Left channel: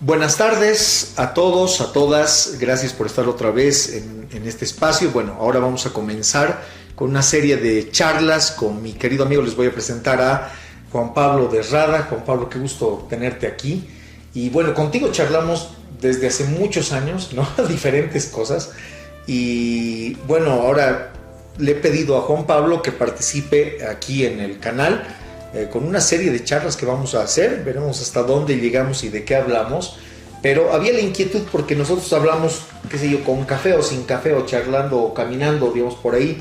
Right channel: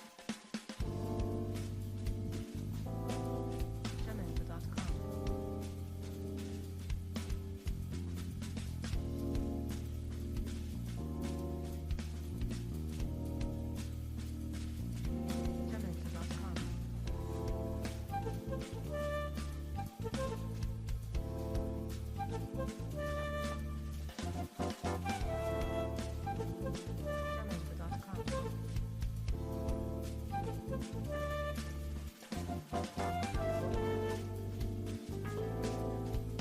Buenas tardes a todos, a todas. Gracias por estar otra vez en este espacio. Bueno, ahora vamos a comenzar con una serie de charlas con mi querido amigo. Les voy a presentar a Juan Pablo de Rada. Juan Pablo, qué gusto tenerte aquí. Y bueno, contigo charlamos desde hace muchos años, ¿no? Diferentes cosas. Y bueno, ahora le he pedido a Juan Pablo que participe aquí en el canal con una serie de charlas que vamos a hacer. Veremos hasta dónde llegamos y de qué hablamos. Pero había la inquietud porque nosotros hablamos, qué sé yo, con café o sin café, o charlando o caminando, digamos, por ahí.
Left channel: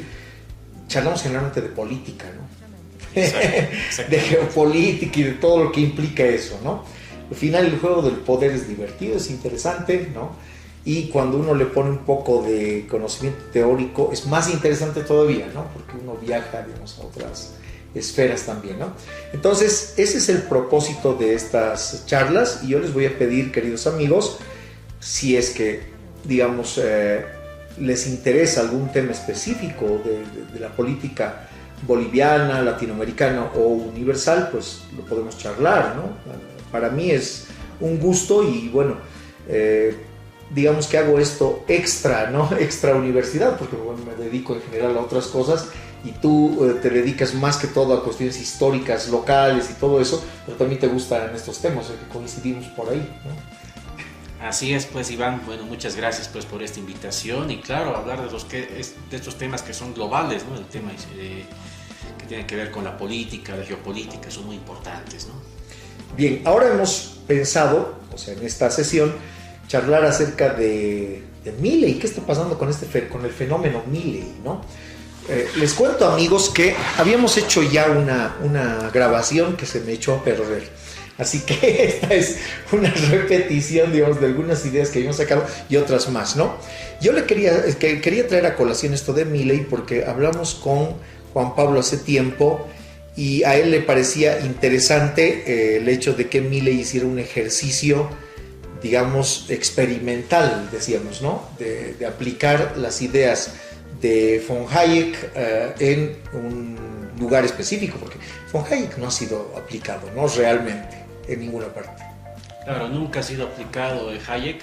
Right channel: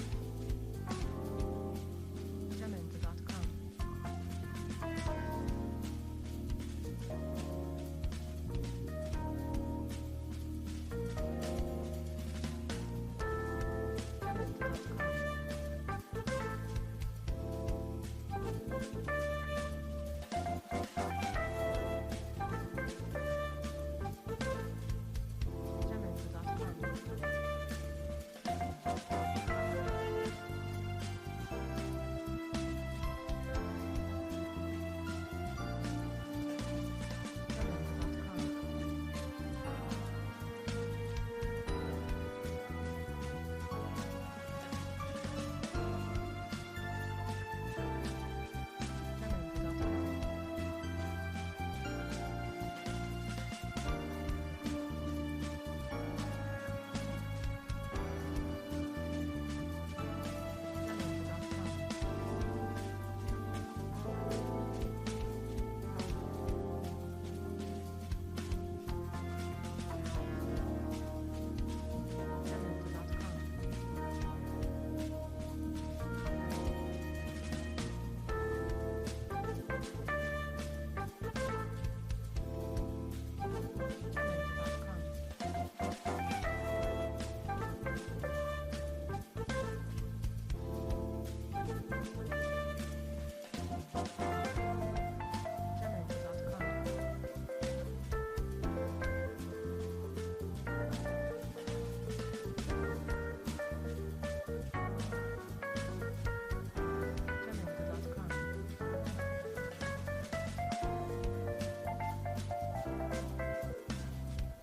Charlamos generalmente de política, ¿no? Exacto. De geopolítica y de todo lo que implica eso, ¿no? Al final el juego del poder es divertido, es interesante, ¿no? Y cuando uno le pone un poco de conocimiento teórico es más interesante todavía, ¿no? Porque uno viaja, digamos, a otras esferas también, ¿no? Entonces, ese es el propósito de estas charlas y yo les voy a pedir, queridos amigos, si es que, digamos, les interesa algún tema específico de la política boliviana, latinoamericana o universal, pues lo podemos charlar, ¿no? Para mí es un gusto y bueno, digamos que hago esto extra, ¿no? Extra universidad, porque bueno, me dedico en general a otras cosas y tú te dedicas más que todo a cuestiones históricas, locales y todo eso, pero también te gustan estos temas, que coincidimos por ahí, ¿no? Así es, pues Iván, bueno, muchas gracias pues por esta invitación y claro, hablar de estos temas que son globales, ¿no? El tema que tiene que ver con la política, la geopolítica, son muy importantes, ¿no? Bien, ahora hemos pensado, o sea, en esta sesión, charlar acerca de Milei. ¿Qué está pasando con el fenómeno Milei, ¿no? Les cuento, amigos, que habíamos hecho ya una grabación que se me echó a perder. Así que esta es una repetición, digamos, de algunas ideas que habíamos sacado y otras más, ¿no? Yo quería traer a colación esto de Milei porque hablamos con Juan Pablo hace tiempo y a él le parecía interesante el hecho de que Milei hiciera un ejercicio, digamos, experimental, decíamos, ¿no? De aplicar las ideas de von Hayek en un lugar específico, porque von Hayek no ha sido aplicado, ¿no? Realmente, en ninguna parte. Claro, nunca ha sido aplicado Hayek,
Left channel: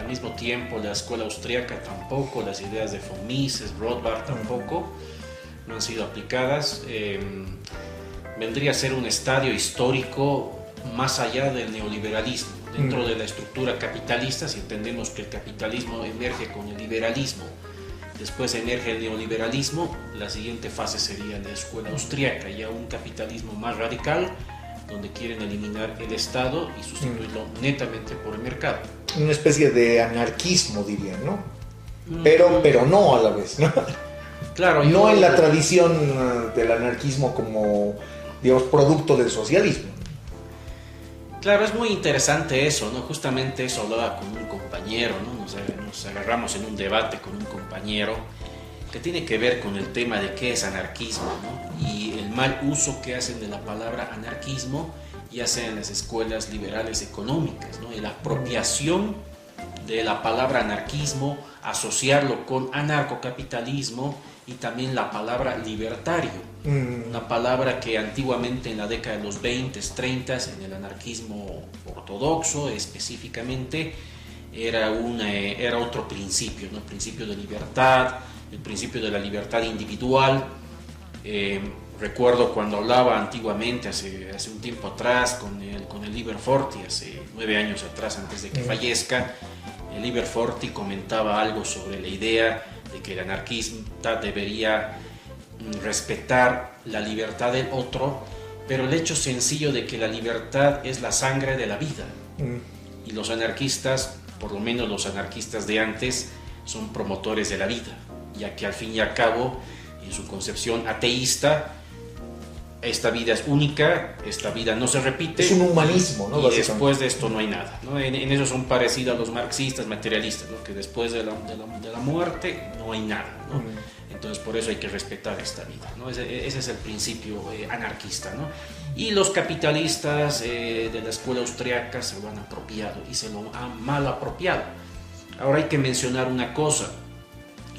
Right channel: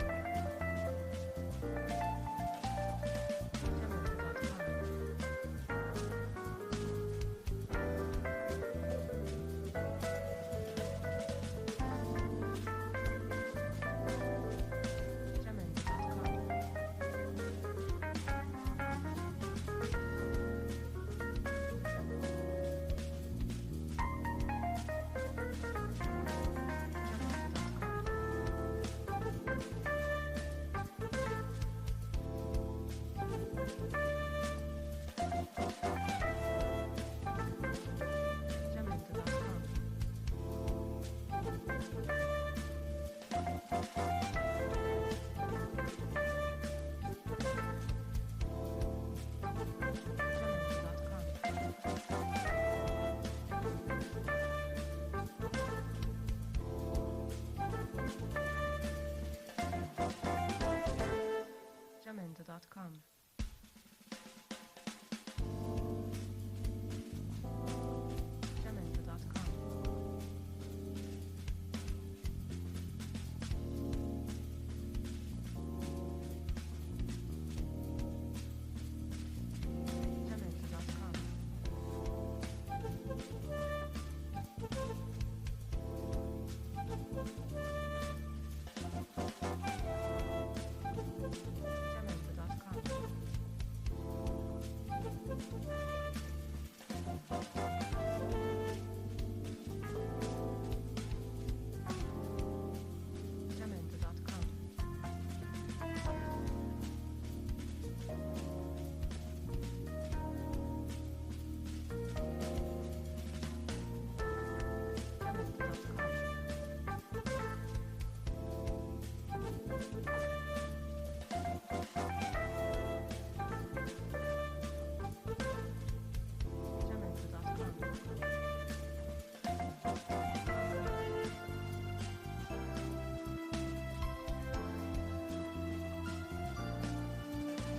al mismo tiempo la escuela austríaca tampoco, las ideas de von Mises, Rothbard tampoco no han sido aplicadas. Vendría a ser un estadio histórico más allá del neoliberalismo. Dentro de la estructura capitalista, si entendemos que el capitalismo emerge con el liberalismo, después emerge el neoliberalismo, la siguiente fase sería la escuela austríaca, ya un capitalismo más radical, donde quieren eliminar el Estado y sustituirlo netamente por el mercado. Una especie de anarquismo, dirían, ¿no? Pero no a la vez, ¿no? Claro, no en la tradición del anarquismo como, digamos, producto del socialismo. Claro, es muy interesante eso, ¿no? Justamente eso hablaba con un compañero, ¿no? Nos agarramos en un debate con un compañero que tiene que ver con el tema de qué es anarquismo, ¿no? Y el mal uso que hacen de la palabra anarquismo, ya sea en las escuelas liberales económicas, ¿no? Y la apropiación de la palabra anarquismo, asociarlo con anarcocapitalismo y también la palabra libertario, una palabra que antiguamente en la década de los 20, 30, en el anarquismo ortodoxo específicamente, era otro principio, ¿no? El principio de libertad, el principio de la libertad individual. Recuerdo cuando hablaba antiguamente, hace un tiempo atrás, con el Liber Forti, hace 9 años atrás, antes de que fallezca, el Liber Forti comentaba algo sobre la idea de que el anarquista debería respetar la libertad del otro, pero el hecho sencillo de que la libertad es la sangre de la vida. Y los anarquistas, por lo menos los anarquistas de antes, son promotores de la vida, ya que al fin y al cabo, en su concepción ateísta, esta vida es única, esta vida no se repite. Es un humanismo, ¿no? Y después de esto no hay nada, ¿no? En eso son parecidos a los marxistas, materialistas, ¿no? Que después de la muerte no hay nada, ¿no? Entonces por eso hay que respetar esta vida, ¿no? Ese es el principio anarquista, ¿no? Y los capitalistas de la escuela austriaca se lo han apropiado y se lo han mal apropiado. Ahora hay que mencionar una cosa:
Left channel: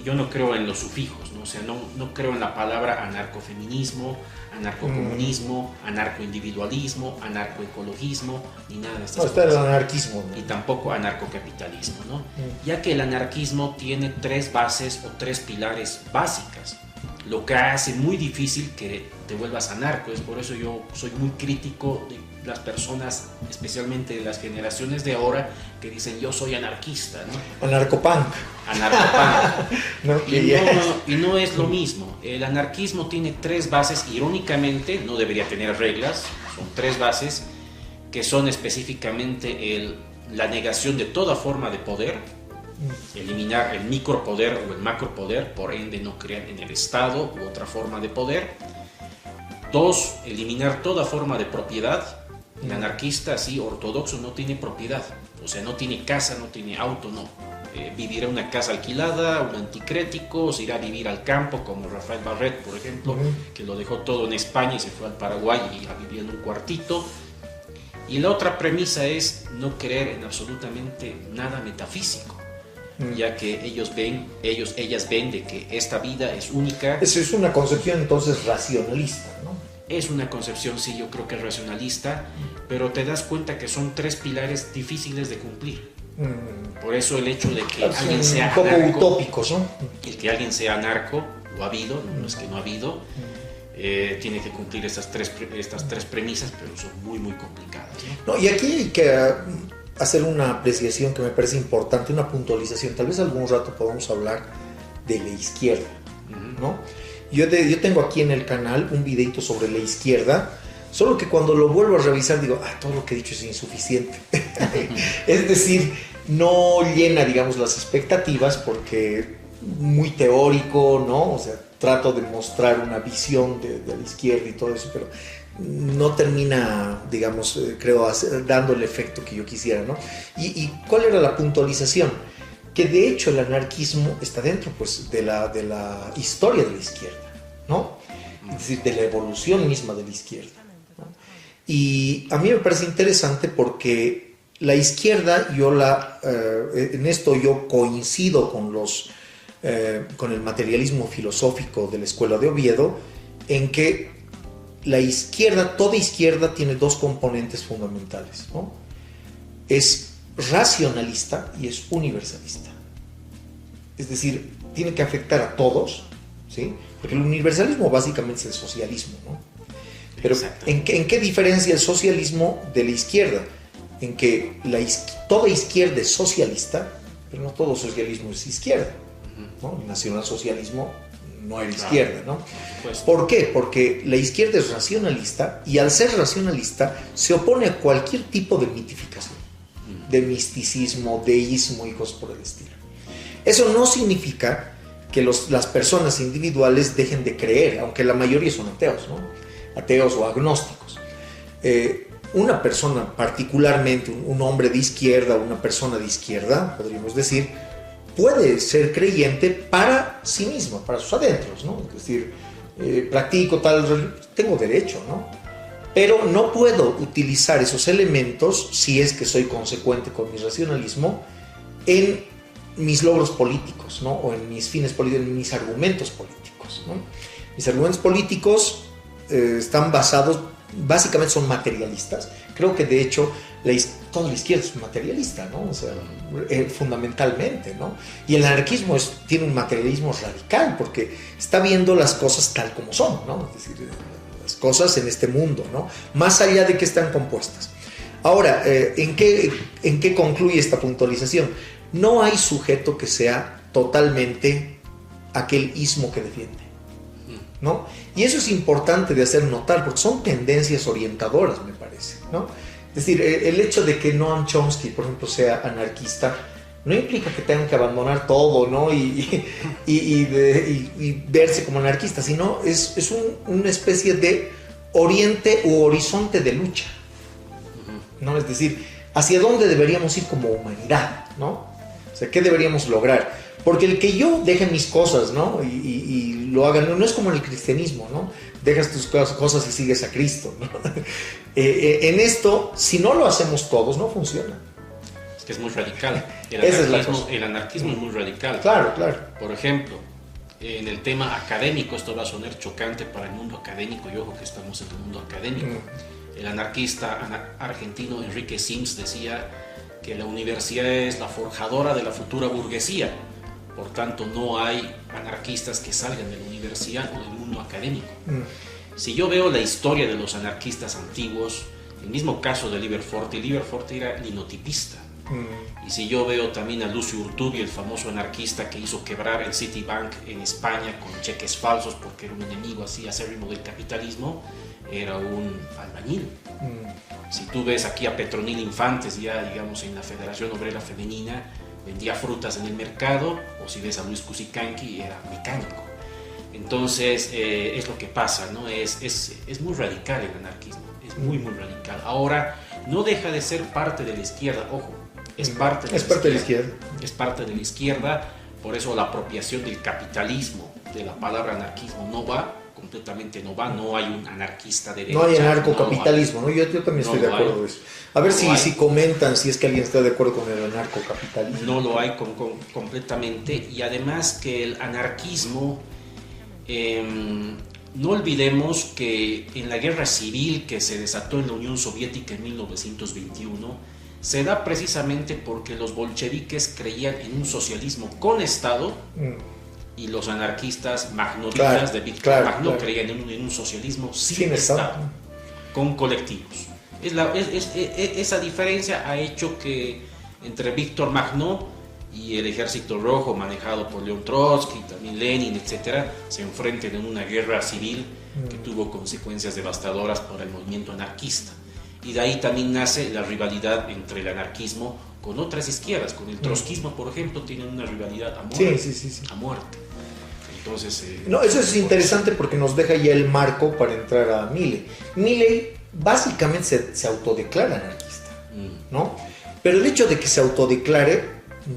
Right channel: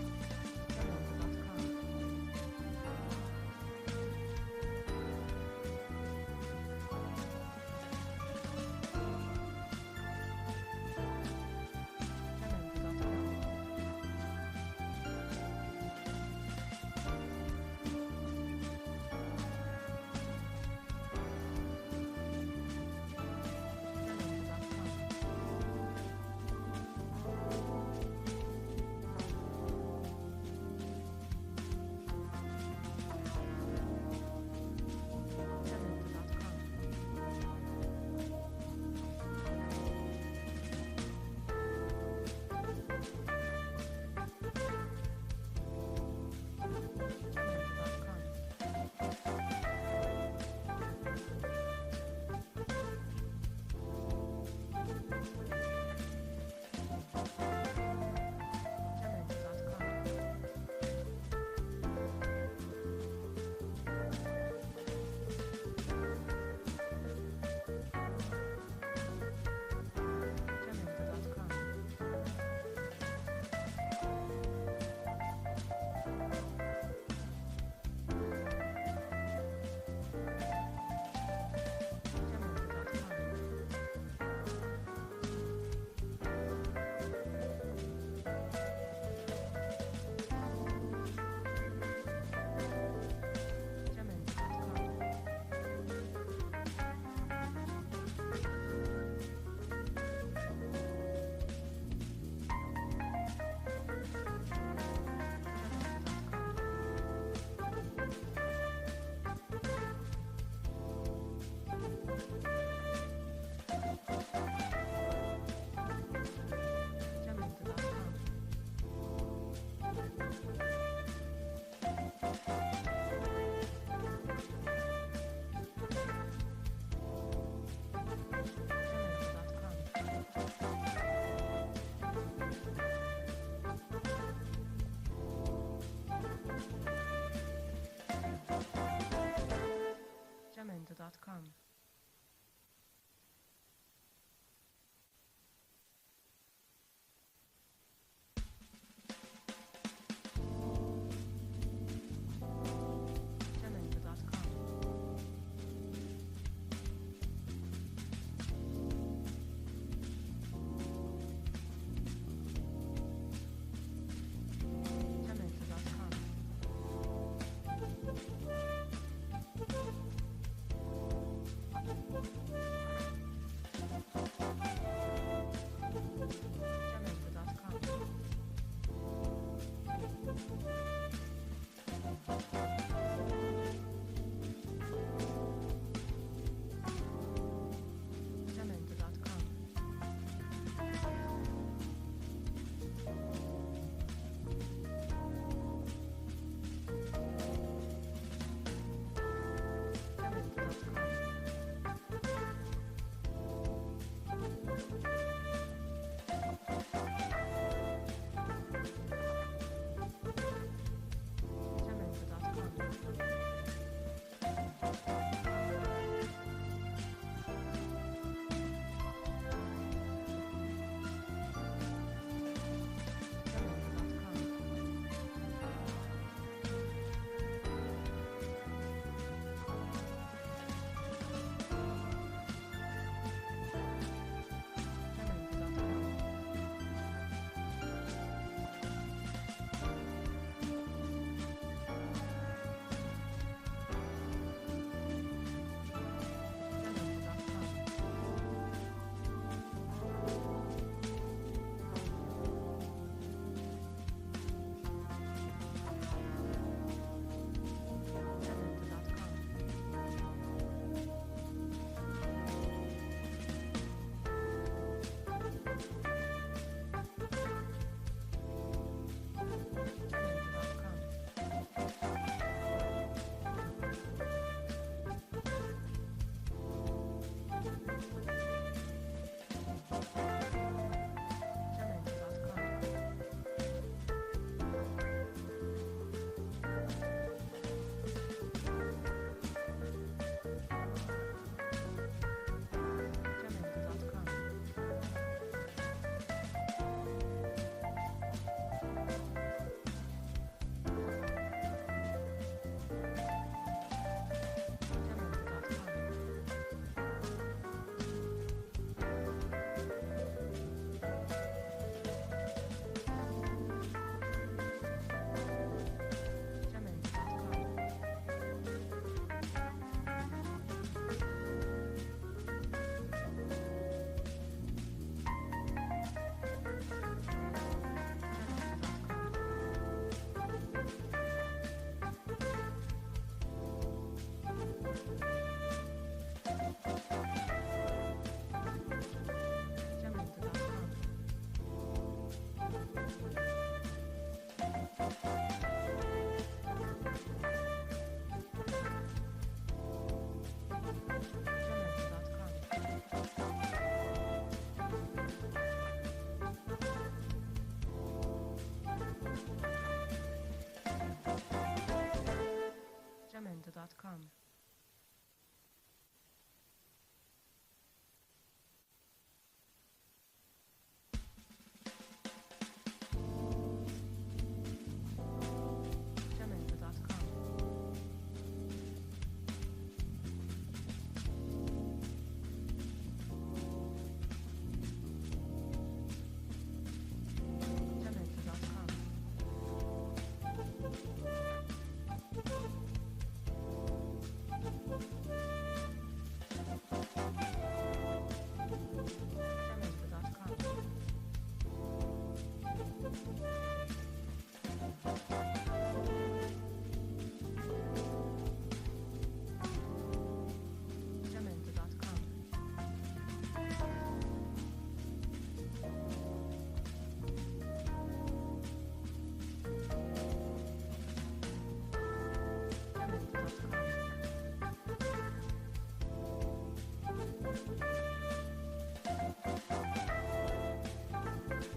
yo no creo en los sufijos, ¿no? O sea, no creo en la palabra anarcofeminismo, anarcocomunismo, anarcoindividualismo, anarcoecologismo, ni nada de estas No, está el cosas. anarquismo, ¿no? Y tampoco anarcocapitalismo, ¿no? Ya que el anarquismo tiene tres bases o tres pilares básicas, lo que hace muy difícil que te vuelvas anarco. Es por eso yo soy muy crítico de las personas, especialmente de las generaciones de ahora, que dicen yo soy anarquista, ¿no? Anarcopunk. Anarcopunk. ¿No? Y no es lo mismo. El anarquismo tiene tres bases, irónicamente, no debería tener reglas, son tres bases que son específicamente la negación de toda forma de poder, eliminar el micropoder o el macropoder, por ende no creer en el Estado u otra forma de poder. Dos, eliminar toda forma de propiedad. El anarquista así ortodoxo no tiene propiedad, o sea, no tiene casa, no tiene auto, no. Vivirá en una casa alquilada, un anticrético, se irá a vivir al campo, como Rafael Barret, por ejemplo, que lo dejó todo en España y se fue al Paraguay y a vivir en un cuartito. Y la otra premisa es no creer en absolutamente nada metafísico, ya que ellas ven de que esta vida es única. Esa es una concepción entonces racionalista, ¿no? Es una concepción, sí, yo creo que es racionalista, pero te das cuenta que son tres pilares difíciles de cumplir. Por eso el hecho de que alguien sea un poco anarco, utópicos, ¿no? el que alguien sea anarco, lo ha habido, no es que no ha habido, tiene que cumplir estas tres premisas, pero son muy, muy complicadas, ¿no? No, y aquí hay que hacer una apreciación que me parece importante, una puntualización. Tal vez algún rato podamos hablar de la izquierda, ¿no? Yo tengo aquí en el canal un videito sobre la izquierda, solo que cuando lo vuelvo a revisar digo, todo lo que he dicho es insuficiente. Es decir, no llena, digamos, las expectativas porque muy teórico, ¿no? O sea, trato de mostrar una visión de la izquierda y todo eso, pero no termina, digamos, creo, dando el efecto que yo quisiera, ¿no? ¿Y cuál era la puntualización? Que de hecho el anarquismo está dentro, pues, de la historia de la izquierda, ¿no? Es decir, de la evolución misma de la izquierda. Y a mí me parece interesante porque la izquierda, en esto yo coincido con el materialismo filosófico de la Escuela de Oviedo, en que la izquierda, toda izquierda tiene dos componentes fundamentales, ¿no? Es racionalista y es universalista. Es decir, tiene que afectar a todos, ¿sí? Porque el universalismo básicamente es el socialismo, ¿no? Pero ¿en qué diferencia el socialismo de la izquierda? En que toda izquierda es socialista, pero no todo socialismo es izquierda, ¿no? El nacionalsocialismo no era izquierda, ¿no? ¿Por qué? Porque la izquierda es racionalista y al ser racionalista se opone a cualquier tipo de mitificación, de misticismo, deísmo y cosas por el estilo. Eso no significa que las personas individuales dejen de creer, aunque la mayoría son ateos, ¿no? Ateos o agnósticos. Una persona, particularmente un hombre de izquierda, una persona de izquierda, podríamos decir, puede ser creyente para sí mismo, para sus adentros, ¿no? Es decir, practico tal, tengo derecho, ¿no? Pero no puedo utilizar esos elementos, si es que soy consecuente con mi racionalismo, en mis logros políticos, ¿no? O en mis fines políticos, en mis argumentos políticos, ¿no? Mis argumentos políticos están basados, básicamente son materialistas. Creo que de hecho toda la izquierda es materialista, ¿no? O sea, fundamentalmente, ¿no? Y el anarquismo tiene un materialismo radical porque está viendo las cosas tal como son, ¿no? Es decir, las cosas en este mundo, ¿no? Más allá de que están compuestas. Ahora, ¿en qué concluye esta puntualización? No hay sujeto que sea totalmente aquel ismo que defiende, ¿no? Y eso es importante de hacer notar porque son tendencias orientadoras, me parece, ¿no? Es decir, el hecho de que Noam Chomsky, por ejemplo, sea anarquista no implica que tengan que abandonar todo, ¿no? y verse como anarquista, sino es una especie de oriente u horizonte de lucha, ¿no? Es decir, hacia dónde deberíamos ir como humanidad, ¿no? O sea, ¿qué deberíamos lograr? Porque el que yo deje mis cosas, ¿no? Y lo haga, no es como en el cristianismo, ¿no? Dejas tus cosas y sigues a Cristo, ¿no? En esto, si no lo hacemos todos, no funciona. Es que es muy radical. Esa es la cosa. El anarquismo es muy radical. Claro, claro. Por ejemplo, en el tema académico, esto va a sonar chocante para el mundo académico, y ojo que estamos en el mundo académico. El anarquista argentino Enrique Sims decía que la universidad es la forjadora de la futura burguesía. Por tanto, no hay anarquistas que salgan de la universidad o del mundo académico. Si yo veo la historia de los anarquistas antiguos, el mismo caso de Liber Forte era linotipista. Y si yo veo también a Lucio Urtubey, el famoso anarquista que hizo quebrar el Citibank en España con cheques falsos porque era un enemigo así acérrimo del capitalismo, era un albañil. Si tú ves aquí a Petronila Infantes, ya digamos en la Federación Obrera Femenina, vendía frutas en el mercado, o si ves a Luis Cusicanqui, era mecánico. Entonces, es lo que pasa, ¿no? Es muy radical el anarquismo, es muy radical. Ahora, no deja de ser parte de la izquierda, ojo, es parte de la izquierda. Es parte de la izquierda, por eso la apropiación del capitalismo, de la palabra anarquismo, no hay un anarquista de derecha. No hay anarcocapitalismo, ¿no? Yo también estoy de acuerdo con eso. A ver si comentan si es que alguien está de acuerdo con el anarcocapitalismo. No lo hay completamente, y además que el anarquismo, no olvidemos que en la guerra civil que se desató en la Unión Soviética en 1921, se da precisamente porque los bolcheviques creían en un socialismo con Estado, y los anarquistas magnolitas de Víctor Magno creían en un socialismo sin Estado, con colectivos. Esa diferencia ha hecho que entre Víctor Magno y el Ejército Rojo, manejado por León Trotsky, también Lenin, etc., se enfrenten en una guerra civil que tuvo consecuencias devastadoras para el movimiento anarquista. Y de ahí también nace la rivalidad entre el anarquismo con otras izquierdas. Con el trotskismo, por ejemplo, tienen una rivalidad a muerte. Sí. A muerte. Entonces, no, eso es interesante porque nos deja ya el marco para entrar a Milley. Milley básicamente se autodeclara anarquista, ¿no? Pero el hecho de que se autodeclare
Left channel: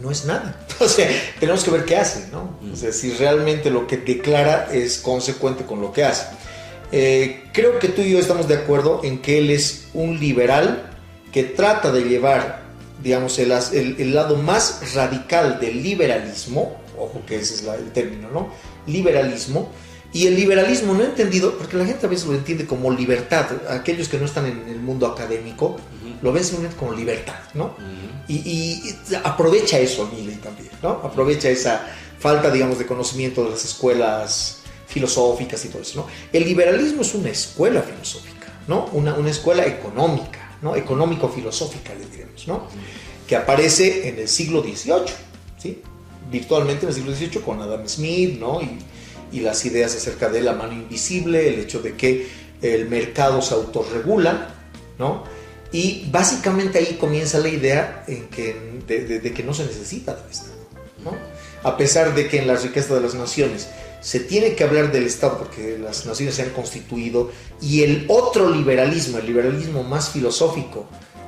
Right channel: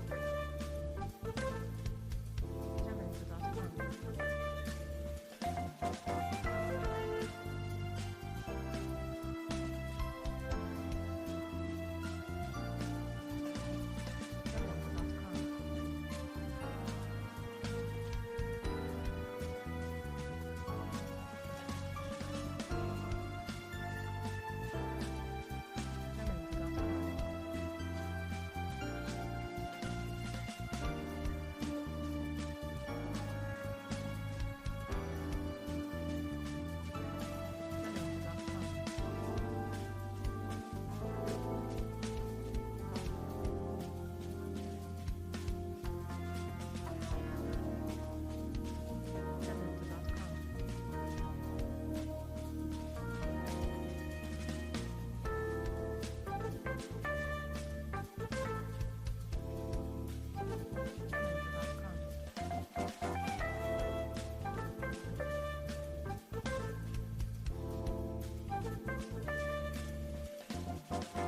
no es nada. O sea, tenemos que ver qué hace, ¿no? O sea, si realmente lo que declara es consecuente con lo que hace. Creo que tú y yo estamos de acuerdo en que él es un liberal que trata de llevar, digamos, el lado más radical del liberalismo, ojo que ese es el término, ¿no? Liberalismo, y el liberalismo no entendido, porque la gente a veces lo entiende como libertad, aquellos que no están en el mundo académico lo ven simplemente como libertad, ¿no? Y aprovecha eso Milley también, ¿no? Aprovecha esa falta, digamos, de conocimiento de las escuelas filosóficas y todo eso, ¿no? El liberalismo es una escuela filosófica, ¿no? Una escuela económica, ¿no? Económico-filosófica, le diremos, ¿no? Que aparece en el siglo XVIII, ¿sí? Virtualmente en el siglo XVIII con Adam Smith, ¿no? Y las ideas acerca de la mano invisible, el hecho de que el mercado se autorregula, ¿no? Y básicamente ahí comienza la idea de que no se necesita del Estado, ¿no? A pesar de que en la riqueza de las naciones se tiene que hablar del Estado porque las naciones se han constituido, y el otro liberalismo, el liberalismo más filosófico,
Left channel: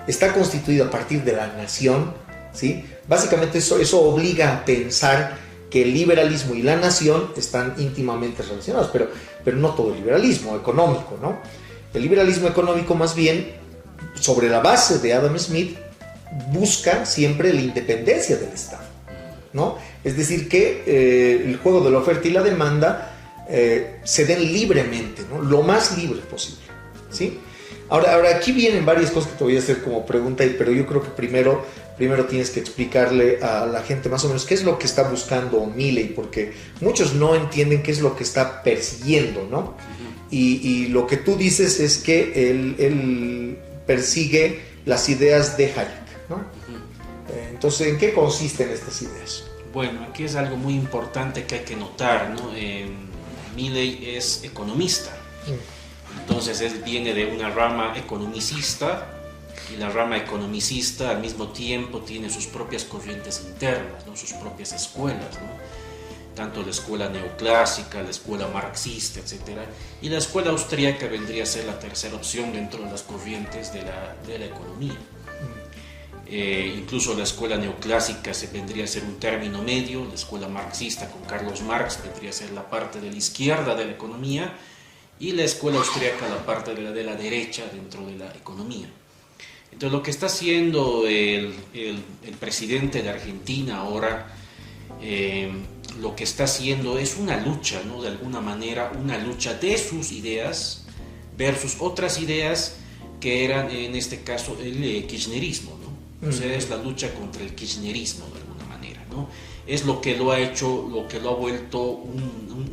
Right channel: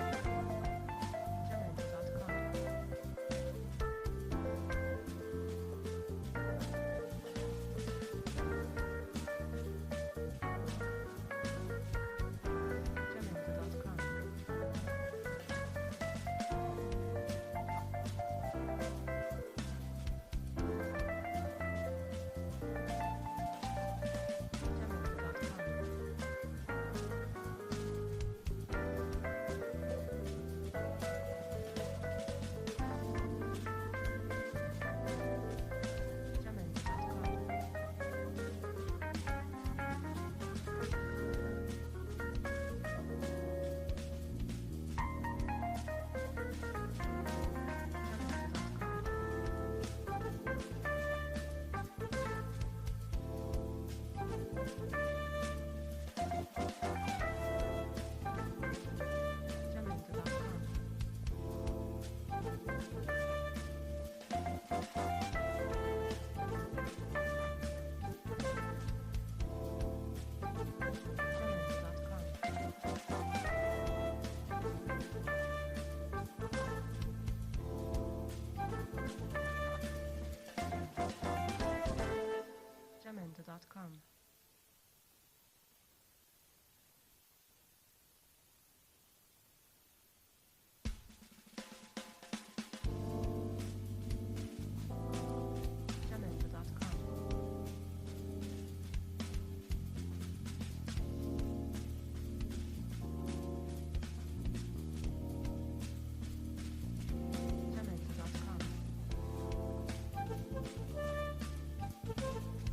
está constituido a partir de la nación, ¿sí? Básicamente eso obliga a pensar que el liberalismo y la nación están íntimamente relacionados, pero no todo el liberalismo económico, ¿no? El liberalismo económico, más bien, sobre la base de Adam Smith, busca siempre la independencia del Estado, ¿no? Es decir, que el juego de la oferta y la demanda se den libremente, ¿no? Lo más libre posible, ¿sí? Ahora aquí vienen varias cosas que te voy a hacer como pregunta, pero yo creo que primero tienes que explicarle a la gente más o menos qué es lo que está buscando Milley, porque muchos no entienden qué es lo que está persiguiendo, ¿no? Y lo que tú dices es que él persigue las ideas de Hayek, ¿no? Entonces, ¿en qué consisten estas ideas? Bueno, aquí es algo muy importante que hay que notar, ¿no? Milley es economista, entonces él viene de una rama economicista, y la rama economicista al mismo tiempo tiene sus propias corrientes internas, ¿no? Sus propias escuelas, ¿no? Tanto la escuela neoclásica, la escuela marxista, etc. Y la escuela austríaca vendría a ser la tercera opción dentro de las corrientes de la economía. Incluso la escuela neoclásica vendría a ser un término medio, la escuela marxista con Carlos Marx vendría a ser la parte de la izquierda de la economía, y la escuela austríaca la parte de la derecha dentro de la economía. Entonces lo que está haciendo el presidente de Argentina ahora, lo que está haciendo es una lucha, ¿no? De alguna manera, una lucha de sus ideas versus otras ideas que eran, en este caso, el kirchnerismo, ¿no? O sea, es la lucha contra el kirchnerismo, de alguna manera, ¿no? Es lo que lo ha hecho, lo que lo ha vuelto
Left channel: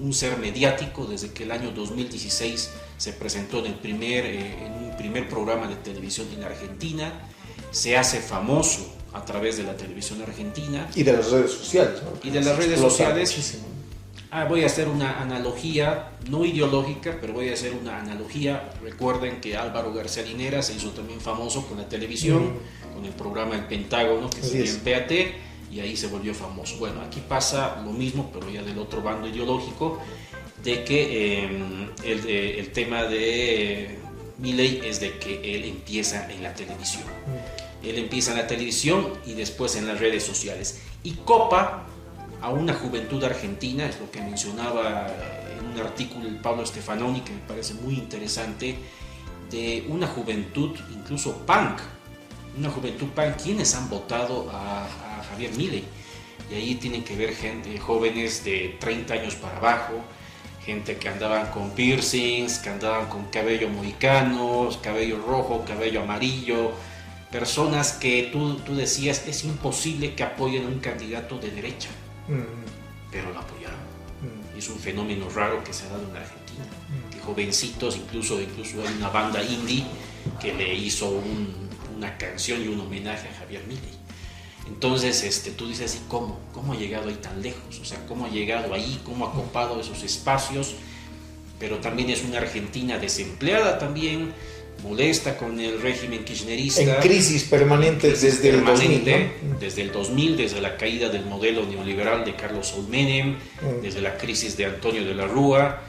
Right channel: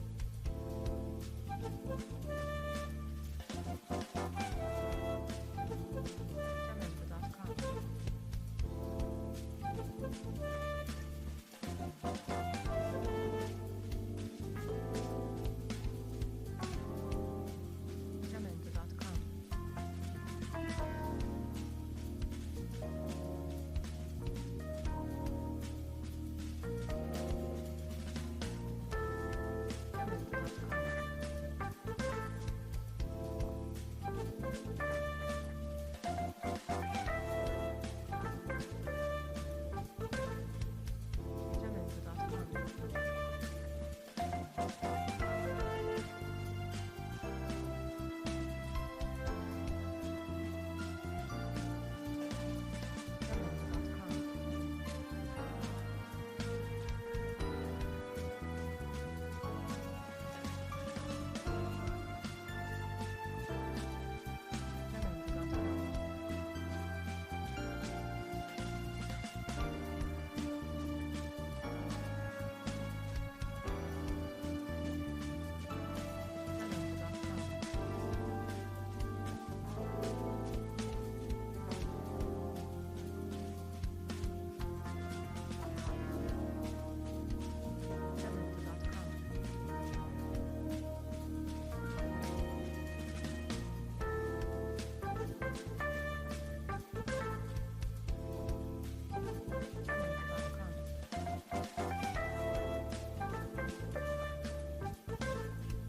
un ser mediático desde que el año 2016 se presentó en un primer programa de televisión en Argentina, se hace famoso a través de la televisión argentina. Y de las redes sociales, ¿no? Y de las redes sociales. Muchísimo. Voy a hacer una analogía, no ideológica, pero voy a hacer una analogía. Recuerden que Álvaro García Linera se hizo también famoso con la televisión, con el programa El Pentágono, que se en PAT, y ahí se volvió famoso. Bueno, aquí pasa lo mismo, pero ya del otro bando ideológico, de que el tema de Milei es de que él empieza en la televisión. Él empieza en la televisión y después en las redes sociales. Y copa a una juventud argentina, es lo que mencionaba en un artículo de Pablo Stefanoni, que me parece muy interesante, de una juventud incluso punk, quienes han votado a Javier Milei. Y ahí tienen que ver gente, jóvenes de 30 años para abajo, gente que andaban con piercings, que andaban con cabello mohicano, cabello rojo, cabello amarillo, personas que tú decías es imposible que apoyen a un candidato de derecha, pero lo apoyaron. Es un fenómeno raro que se ha dado en Argentina, que jovencitos, incluso hay una banda indie que le hizo una canción y un homenaje a Javier Milei. Entonces tú dices, ¿y cómo ha llegado ahí tan lejos? O sea, ¿cómo ha llegado ahí? ¿Cómo ha copado esos espacios? Pero también es una Argentina desempleada también, molesta con el régimen kirchnerista. En crisis permanente desde el 2000, ¿no? Desde el 2000, desde la caída del modelo neoliberal de Carlos Saúl Menem, desde la crisis de Antonio de la Rúa,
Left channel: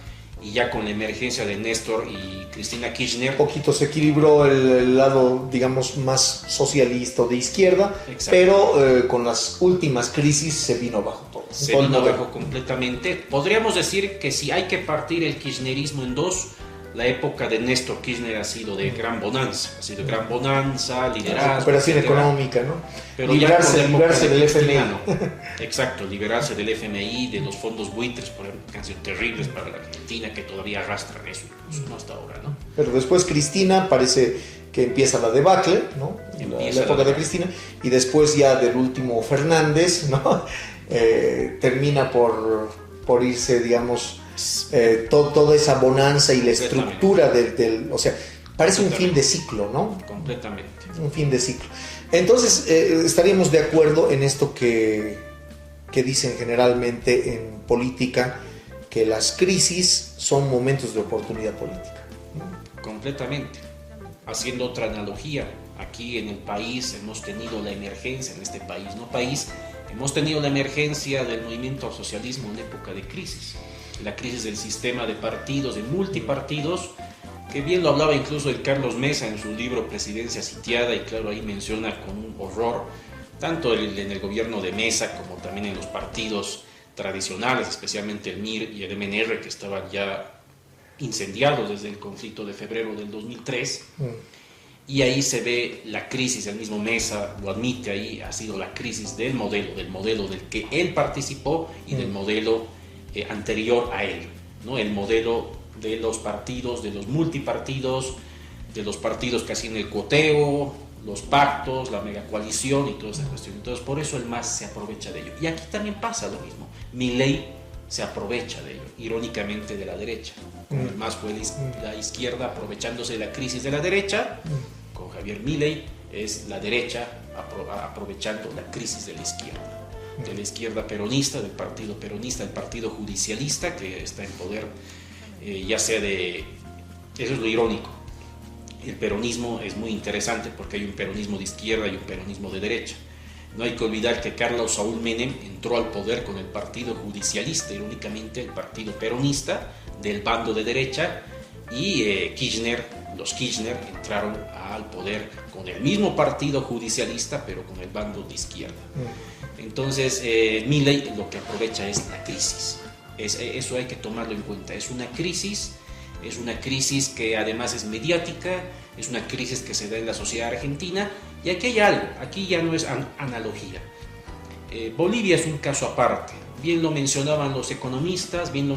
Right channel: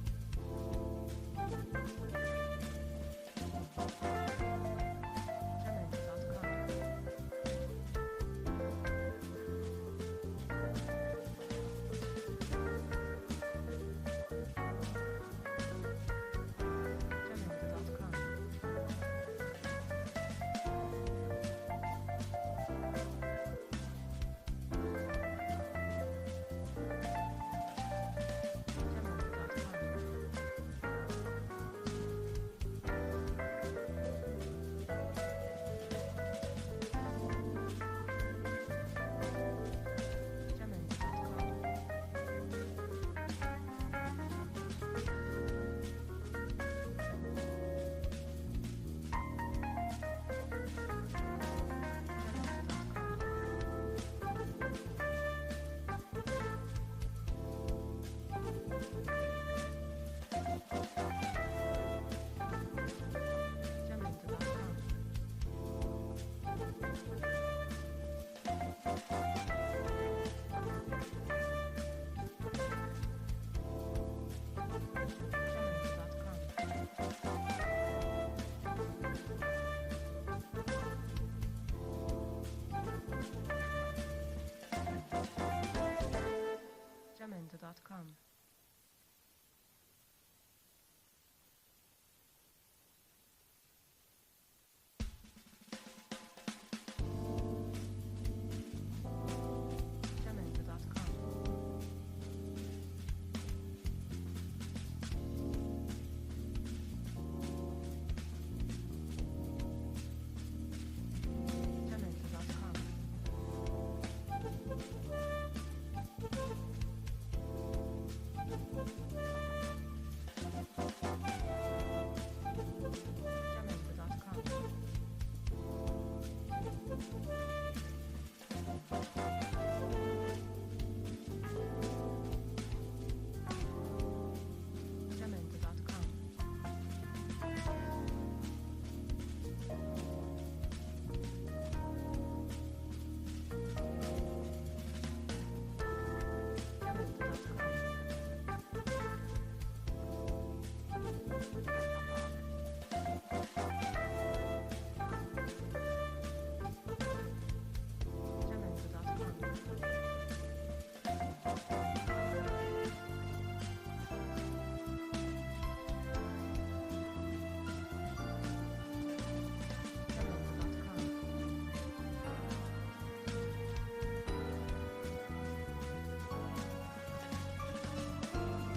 y ya con la emergencia de Néstor y Cristina Kirchner. Un poquito se equilibró el lado, digamos, más socialista o de izquierda, exacto, pero con las últimas crisis se vino abajo todo. Se vino abajo completamente. Podríamos decir que si hay que partir el kirchnerismo en dos, la época de Néstor Kirchner ha sido de gran bonanza, liderazgo, recuperación económica, ¿no? Pero liberarse del FMI. ¿no? Exacto, liberarse del FMI, de los fondos buitres, por ejemplo, que han sido terribles para la Argentina, que todavía arrastran eso, no hasta ahora, ¿no? Pero después Cristina parece que empieza la debacle, ¿no? La época de Cristina, y después ya del último Fernández, ¿no? Termina por irse, digamos, toda esa bonanza y la estructura del o sea, parece un fin de ciclo, ¿no? Completamente. Un fin de ciclo. Entonces, estaríamos de acuerdo en esto que dicen generalmente en política, que las crisis son momentos de oportunidad política. Completamente. Haciendo otra analogía, aquí en el país hemos tenido la emergencia, hemos tenido la emergencia del movimiento al socialismo en época de crisis. La crisis del sistema de partidos, de multipartidos, que bien lo hablaba incluso el Carlos Mesa en su libro Presidencia Sitiada, y claro, ahí menciona con un horror, tanto en el gobierno de Mesa como también en los partidos tradicionales, especialmente el MIR y el MNR, que estaban ya incendiados desde el conflicto de febrero del 2003. Y ahí se ve la crisis, el mismo Mesa lo admite ahí, ha sido la crisis del modelo del que él participó y del modelo anterior a él, ¿no? El modelo de los partidos, de los multipartidos, de los partidos que hacían el cuoteo, los pactos, la megacoalición y toda esa cuestión. Entonces, por eso el MAS se aprovecha de ello. Y aquí también pasa lo mismo. Milei se aprovecha de ello, irónicamente, de la derecha. Con el MAS fue la izquierda aprovechándose de la crisis de la derecha. Con Javier Milei es la derecha aprovechando la crisis de la izquierda peronista, del partido peronista, del partido judicialista que está en poder, ya sea de... Eso es lo irónico. El peronismo es muy interesante porque hay un peronismo de izquierda y un peronismo de derecha. No hay que olvidar que Carlos Saúl Menem entró al poder con el partido judicialista, irónicamente el partido peronista del bando de derecha, y los Kirchner entraron al poder con el mismo partido judicialista, pero con el bando de izquierda. Entonces, Milei lo que aprovecha es la crisis. Eso hay que tomarlo en cuenta. Es una crisis que además es mediática, es una crisis que se da en la sociedad argentina, y aquí hay algo, aquí ya no es analogía. Bolivia es un caso aparte. bien lo mencionaban los economistas, bien lo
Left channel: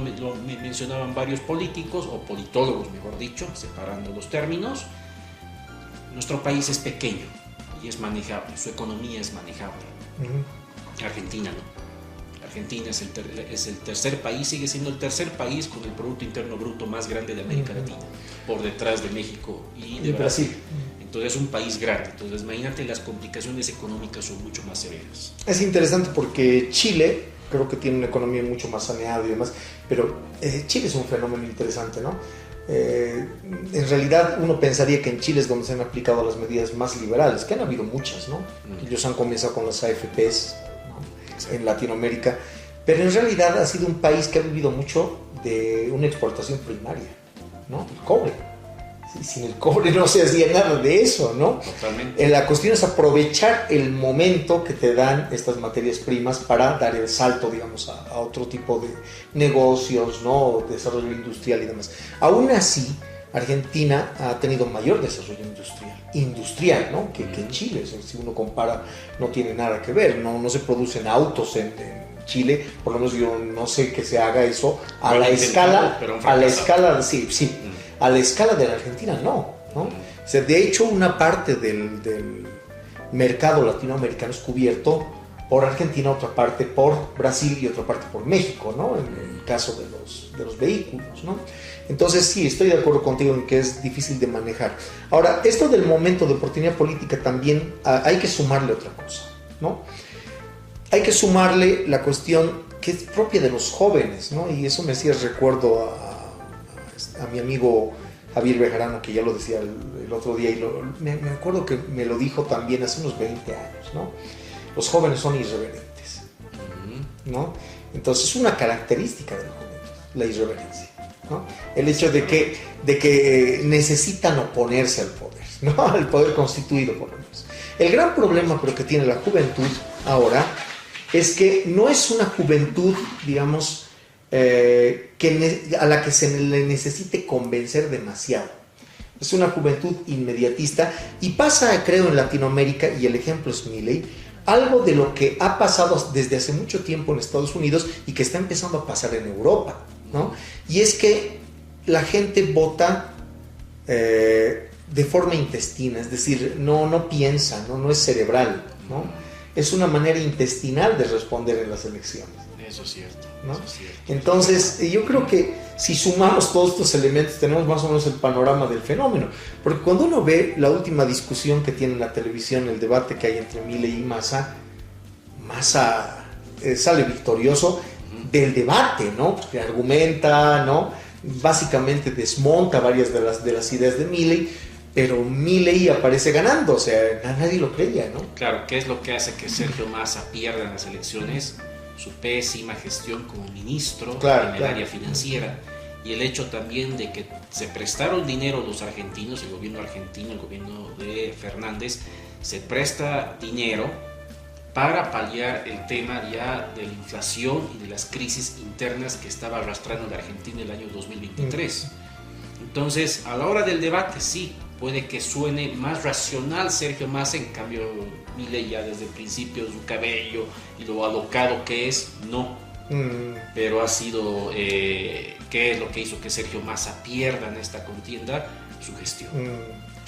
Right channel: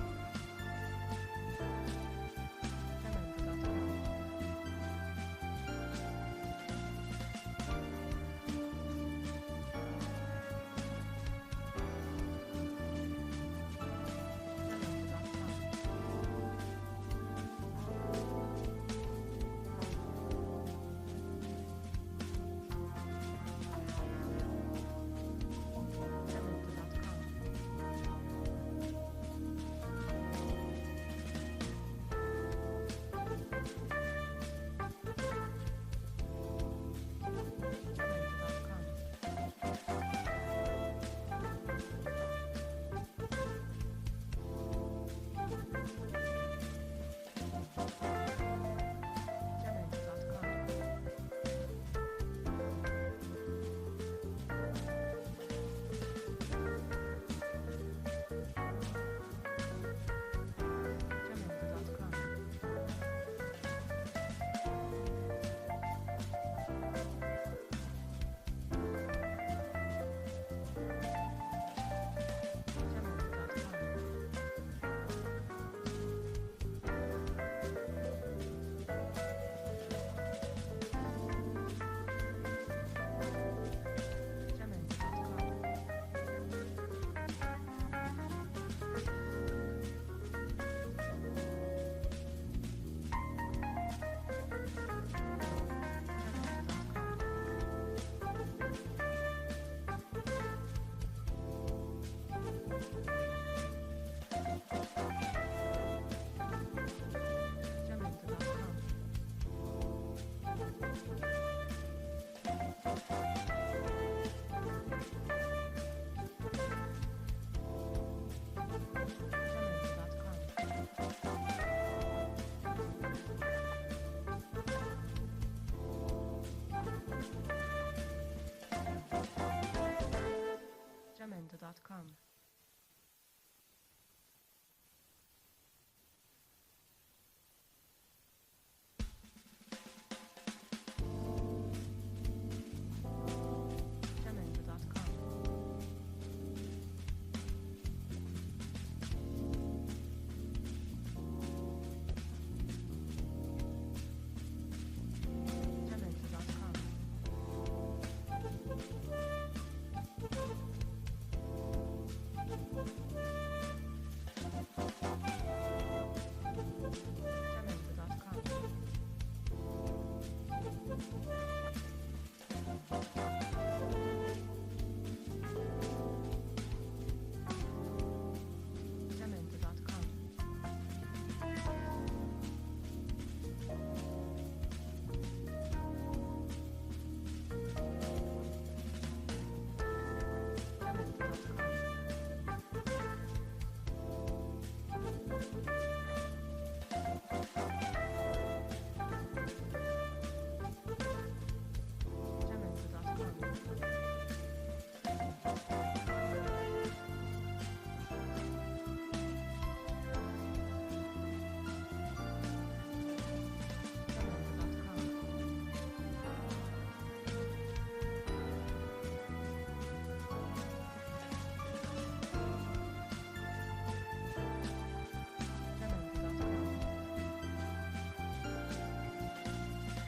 mencionaban varios políticos, o politólogos mejor dicho, separando los términos. Nuestro país es pequeño y es manejable, su economía es manejable. Argentina no. Argentina es el tercer país, sigue siendo el tercer país con el Producto Interno Bruto más grande de América Latina, por detrás de México y de Brasil. Entonces es un país grande, entonces imagínate, las complicaciones económicas son mucho más severas. Es interesante porque Chile creo que tiene una economía mucho más saneada y demás, pero Chile es un fenómeno interesante, ¿no? En realidad uno pensaría que en Chile es donde se han aplicado las medidas más liberales, que han habido muchas, ¿no? Ellos han comenzado con las AFPs, ¿no? En Latinoamérica, pero en realidad ha sido un país que ha vivido mucho de una exportación primaria, ¿no? El cobre. Sin el cobre no se hacía nada de eso, ¿no? Totalmente. La cuestión es aprovechar el momento que te dan estas materias primas para dar el salto, digamos, a otro tipo de negocios, ¿no? Desarrollo industrial y demás. Aún así, Argentina ha tenido mayor desarrollo industrial, ¿no? que en Chile. O sea, si uno compara, no tiene nada que ver. No se producen autos en Chile, por lo menos yo no sé que se haga eso a la escala, sí. A la escala de la Argentina, no. O sea, de hecho, una parte del mercado latinoamericano es cubierto por Argentina, otra parte por Brasil y otra parte por México, ¿no? En el caso de los vehículos, ¿no? Entonces, sí, estoy de acuerdo contigo en que es difícil de manejar. Ahora, esto del momento de oportunidad política también hay que sumarle otra cosa, ¿no? Hay que sumarle la cuestión que es propia de los jóvenes, ¿no? Y eso me hacía recuerdo a mi amigo Javier Bejarano, que ya lo decía el otro día, y me acuerdo que me lo dijo también hace unos 20 años, ¿no? Los jóvenes son irreverentes, ¿no? Entonces es una característica de la juventud, la irreverencia, ¿no? El hecho de que necesitan oponerse al poder, ¿no? Al poder constituido por ellos. El gran problema, pero, que tiene la juventud ahora es que no es una juventud, digamos, a la que se le necesite convencer demasiado. Es una juventud inmediatista y pasa, creo, en Latinoamérica, y el ejemplo es Milei, algo de lo que ha pasado desde hace mucho tiempo en Estados Unidos y que está empezando a pasar en Europa, ¿no? Y es que la gente vota de forma intestina, es decir, no piensa, no es cerebral, ¿no? Es una manera intestinal de responder en las elecciones. Eso es cierto. ¿No? Eso es cierto. Entonces, yo creo que si sumamos todos estos elementos, tenemos más o menos el panorama del fenómeno. Porque cuando uno ve la última discusión que tiene en la televisión, el debate que hay entre Milei y Massa sale victorioso del debate, ¿no? Que argumenta, ¿no? Básicamente desmonta varias de las ideas de Milei, pero Milei aparece ganando, o sea, a nadie lo creía, ¿no? Claro, ¿qué es lo que hace que Sergio Massa pierda en las elecciones? Su pésima gestión como ministro en el área financiera, y el hecho también de que se prestaron dinero los argentinos, el gobierno argentino, el gobierno de Fernández, se presta dinero para paliar el tema ya de la inflación y de las crisis internas que estaba arrastrando la Argentina el año 2023. Entonces, a la hora del debate, sí, puede que suene más racional Sergio Massa, en cambio Milei ya desde el principio, su cabello y lo alocado que es, no. Pero ha sido, ¿qué es lo que hizo que Sergio Massa pierda en esta contienda? Su gestión.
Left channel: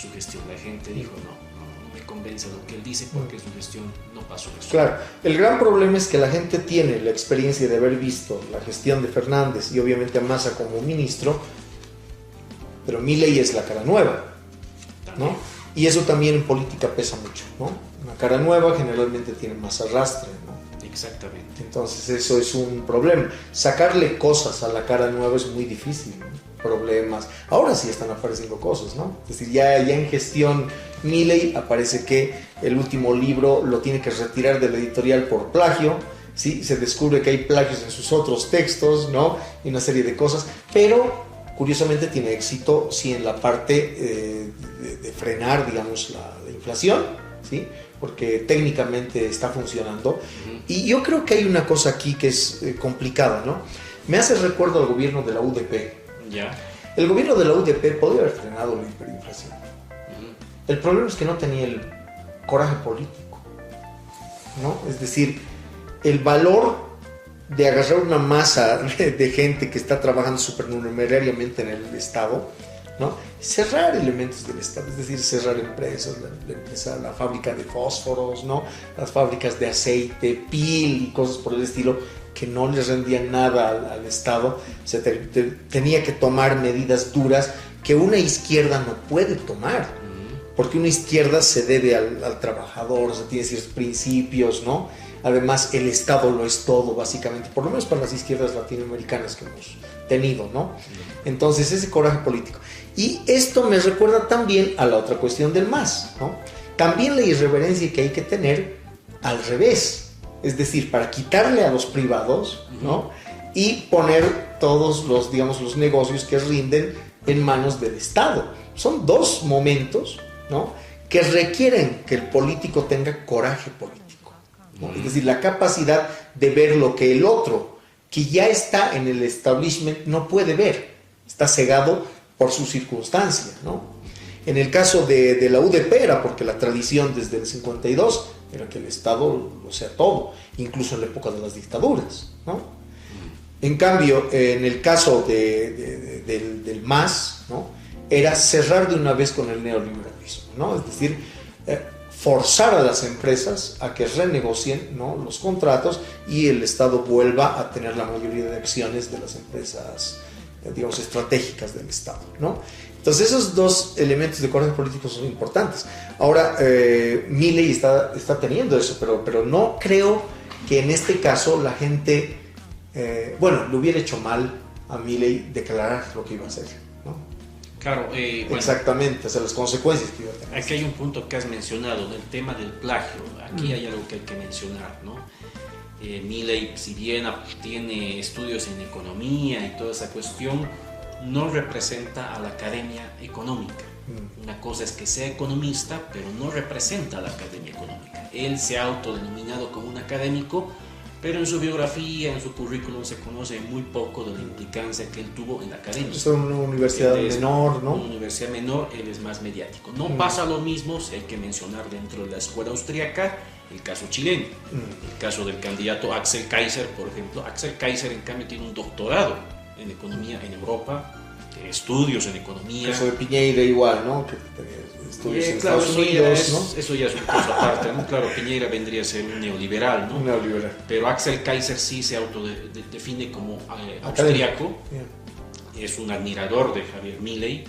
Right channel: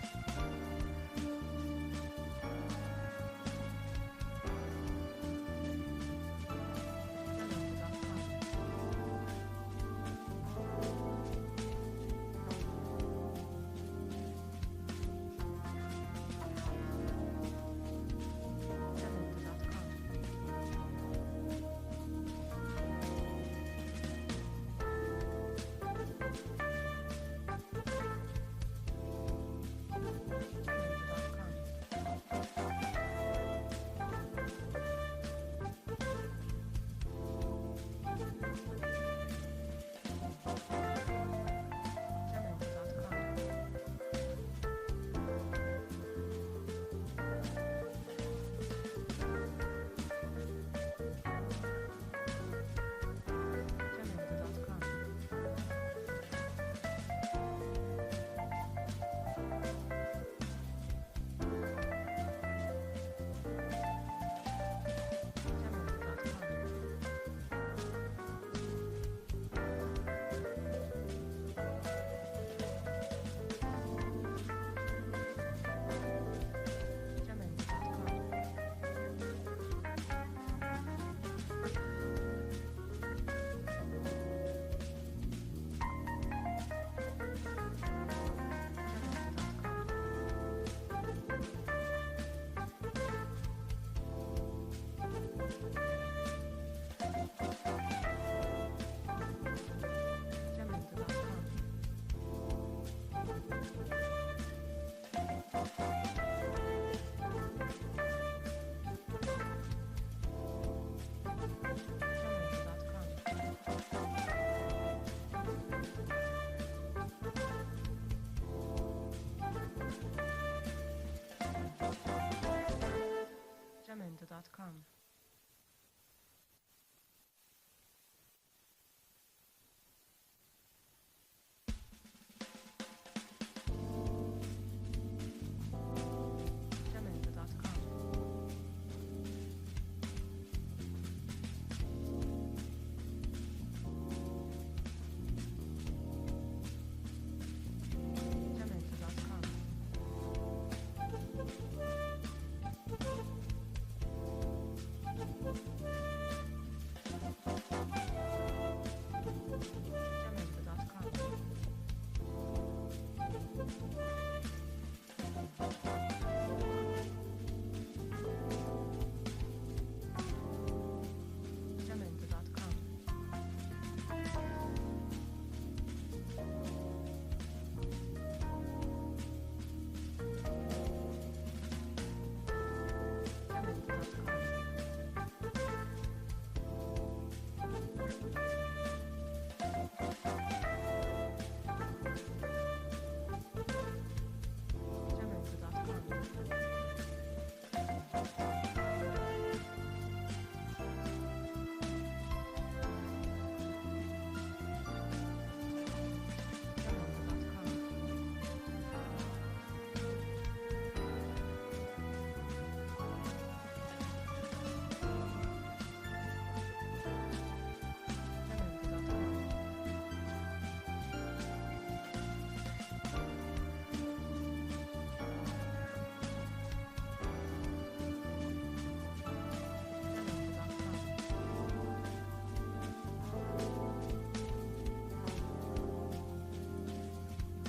Su gestión. La gente dijo, no me convence lo que él dice, porque su gestión no pasó eso. Claro, el gran problema es que la gente tiene la experiencia de haber visto la gestión de Fernández y obviamente a Massa como ministro, pero Milei es la cara nueva, ¿no? Y eso también en política pesa mucho, ¿no? Una cara nueva generalmente tiene más arrastre, ¿no? Exactamente. Entonces eso es un problema. Sacarle cosas a la cara nueva es muy difícil, ¿no? Problemas. Ahora sí están apareciendo cosas, ¿no? Es decir, ya en gestión Milei aparece que el último libro lo tiene que retirar de la editorial por plagio, ¿sí? Se descubre que hay plagios en sus otros textos, ¿no? Y una serie de cosas, pero curiosamente tiene éxito sí en la parte de frenar, digamos, la inflación, ¿sí? Porque técnicamente está funcionando. Y yo creo que hay una cosa aquí que es complicada, ¿no? Me hace recuerdo al gobierno de la UDP. Ya. El gobierno de la UDP podría haber frenado la hiperinflación. El problema es que no tenía el coraje político, ¿no? Es decir, el valor de agarrar una masa de gente que está trabajando supernumerariamente en el Estado, ¿no? Cerrar elementos del Estado, es decir, cerrar empresas, la fábrica de fósforos, ¿no? Las fábricas de aceite, pil y cosas por el estilo que no les rendían nada al Estado. O sea, tenía que tomar medidas duras que una izquierda no puede tomar, porque una izquierda se debe al trabajador, o sea, tiene ciertos principios, ¿no? Además, el Estado lo es todo, básicamente, por lo menos para las izquierdas latinoamericanas que hemos tenido, ¿no? Entonces, ese coraje político. Y esto me recuerda también a la otra cuestión del MAS, ¿no? También la irreverencia que hay que tener al revés, es decir, para quitarle a los privados, ¿no? Y poner todos los, digamos, los negocios que rinden en manos del Estado. Son dos momentos, ¿no?, que requieren que el político tenga coraje político, ¿no? Es decir, la capacidad de ver lo que el otro, que ya está en el establishment, no puede ver, está cegado por su circunstancia, ¿no? En el caso de la UDP era porque la tradición desde el 52 era que el Estado lo sea todo, incluso en la época de las dictaduras, ¿no? En cambio, en el caso del MAS, ¿no?, era cerrar de una vez con el neoliberalismo, ¿no? Es decir, forzar a las empresas a que renegocien, ¿no?, los contratos y el Estado vuelva a tener la mayoría de acciones de las empresas, digamos, estratégicas del Estado, ¿no? Entonces, esos dos elementos de coraje político son importantes. Ahora, Milei está teniendo eso, pero no creo que en este caso la gente, le hubiera hecho mal a Milei declarar lo que iba a hacer, ¿no? Claro, bueno, exactamente, o sea, las consecuencias que iba a tener. Aquí hay un punto que has mencionado, del tema del plagio. Aquí hay algo que hay que mencionar, ¿no? Milei, si bien tiene estudios en economía y toda esa cuestión, no representa a la academia económica. Una cosa es que sea economista, pero no representa a la academia económica. Él se ha autodenominado como un académico, pero en su biografía, en su currículum, se conoce muy poco de la implicancia que él tuvo en la academia. Es una universidad menor, ¿no? Una universidad menor, él es más mediático. No pasa lo mismo, si hay que mencionar dentro de la escuela austríaca, el caso chileno. El caso del candidato Axel Kaiser, por ejemplo. Axel Kaiser, en cambio, tiene un doctorado en economía en Europa, estudios en economía. El caso de Piñeira igual, ¿no? Que estudios en Estados Unidos, ¿no? Eso ya es una cosa aparte, ¿no? Claro, Piñeira vendría a ser un neoliberal, ¿no? Un neoliberal. Pero Axel Kaiser sí se autodefine como austriaco. Es un admirador de Javier Milei,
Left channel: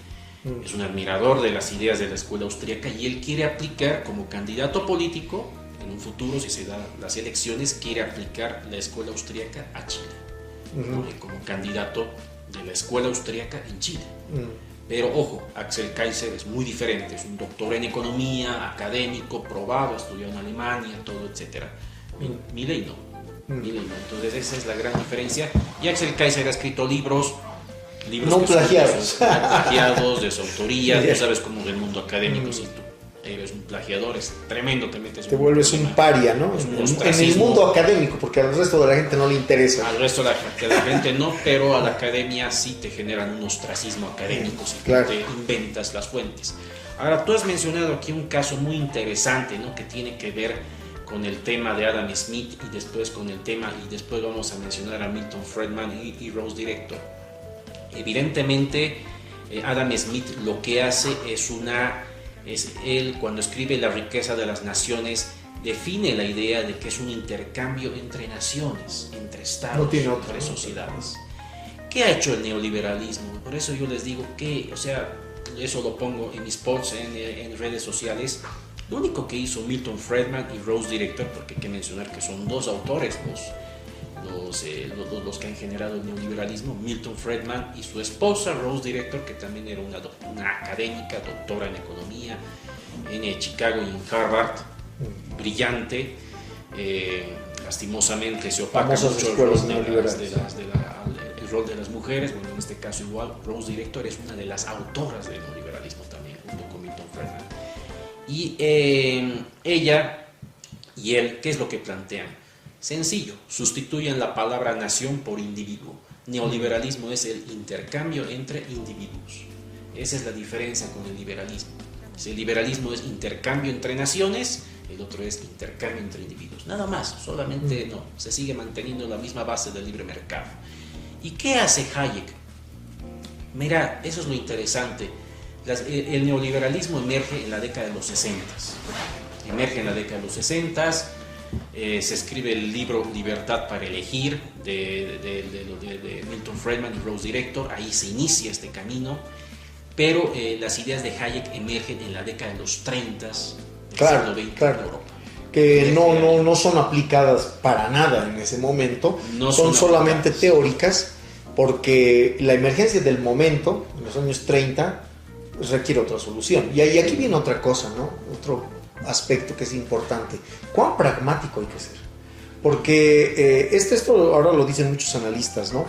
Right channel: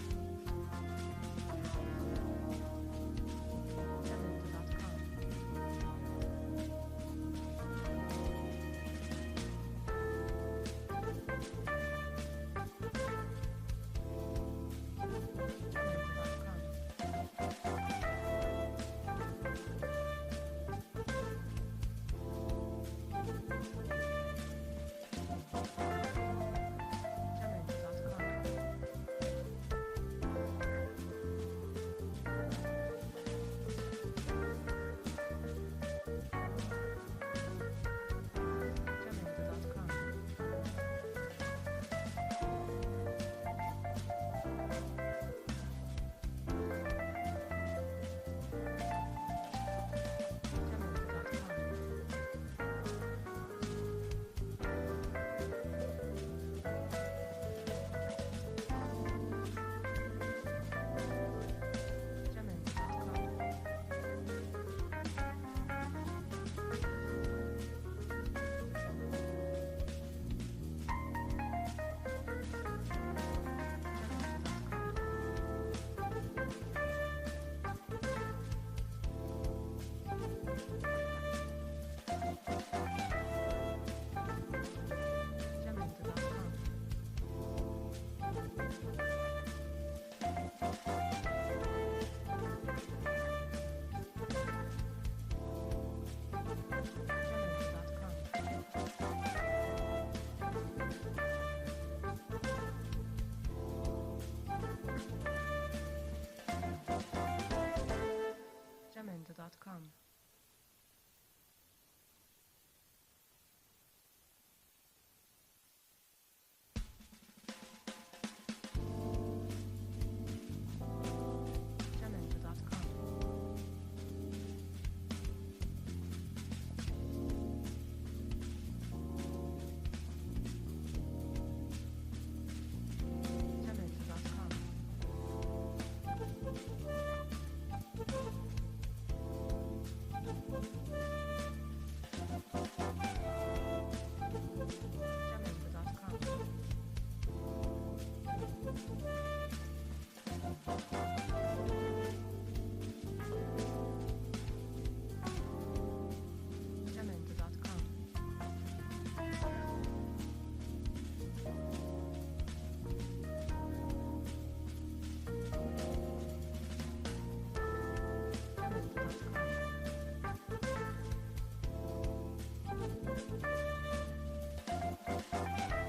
es un admirador de las ideas de la escuela austríaca, y él quiere aplicar como candidato político, en un futuro, si se dan las elecciones, quiere aplicar la escuela austríaca a Chile, ¿no? Como candidato de la escuela austríaca en Chile. Pero ojo, Axel Kaiser es muy diferente, es un doctor en economía, académico, probado, estudió en Alemania, todo, etc. Milei no. Milei no. Entonces esa es la gran diferencia. Y Axel Kaiser ha escrito libros no plagiados. Plagiados de su autoría. Tú sabes cómo del mundo académico, si tú eres un plagiador, es tremendo, te vuelves un paria, ¿no? En el mundo académico, porque al resto de la gente no le interesa. Al resto de la gente no, pero a la academia sí te generan un ostracismo académico, si claro, te inventas las fuentes. Ahora, tú has mencionado aquí un caso muy interesante, ¿no?, que tiene que ver con el tema de Adam Smith, y después después vamos a mencionar a Milton Friedman y Rose Director. Evidentemente, Adam Smith lo que hace es él, cuando escribe La riqueza de las naciones, define la idea de que es un intercambio entre naciones, entre estados, entre sociedades. ¿Qué ha hecho el neoliberalismo? Por eso yo les digo que, o sea, eso lo pongo en mis posts en redes sociales. Lo único que hizo Milton Friedman y Rose Director, porque hay que mencionar que son dos autores, los que han generado el neoliberalismo, Milton Friedman y su esposa Rose Director, que también era una académica, doctora en economía en Chicago y en Harvard, brillante. Lastimosamente se opaca mucho el rol de las mujeres. Bueno, en este caso igual, Rose Director es una de las autoras del neoliberalismo también, junto con Milton Friedman. Y ella y él, ¿qué es lo que plantean? Sencillo, sustituyen la palabra nación por individuo. Neoliberalismo es el intercambio entre individuos. Esa es la diferencia con el liberalismo. Si el liberalismo es intercambio entre naciones, el otro es intercambio entre individuos. Nada más, solamente no, se sigue manteniendo la misma base del libre mercado. ¿Y qué hace Hayek? Mira, eso es lo interesante. El neoliberalismo emerge en la década de los 60. Emerge en la década de los 60. Se escribe el libro Libertad para elegir de Milton Friedman y Rose Director. Ahí se inicia este camino. Pero las ideas de Hayek emergen en la década de los 30 del siglo XX en Europa. Que no son aplicadas para nada en ese momento, No son solamente aplicadas. teóricas, porque la emergencia del momento, en los años 30, pues requiere otra solución. Y aquí viene otra cosa, ¿no? Otro aspecto que es importante. ¿Cuán pragmático hay que ser? Porque esto ahora lo dicen muchos analistas, ¿no?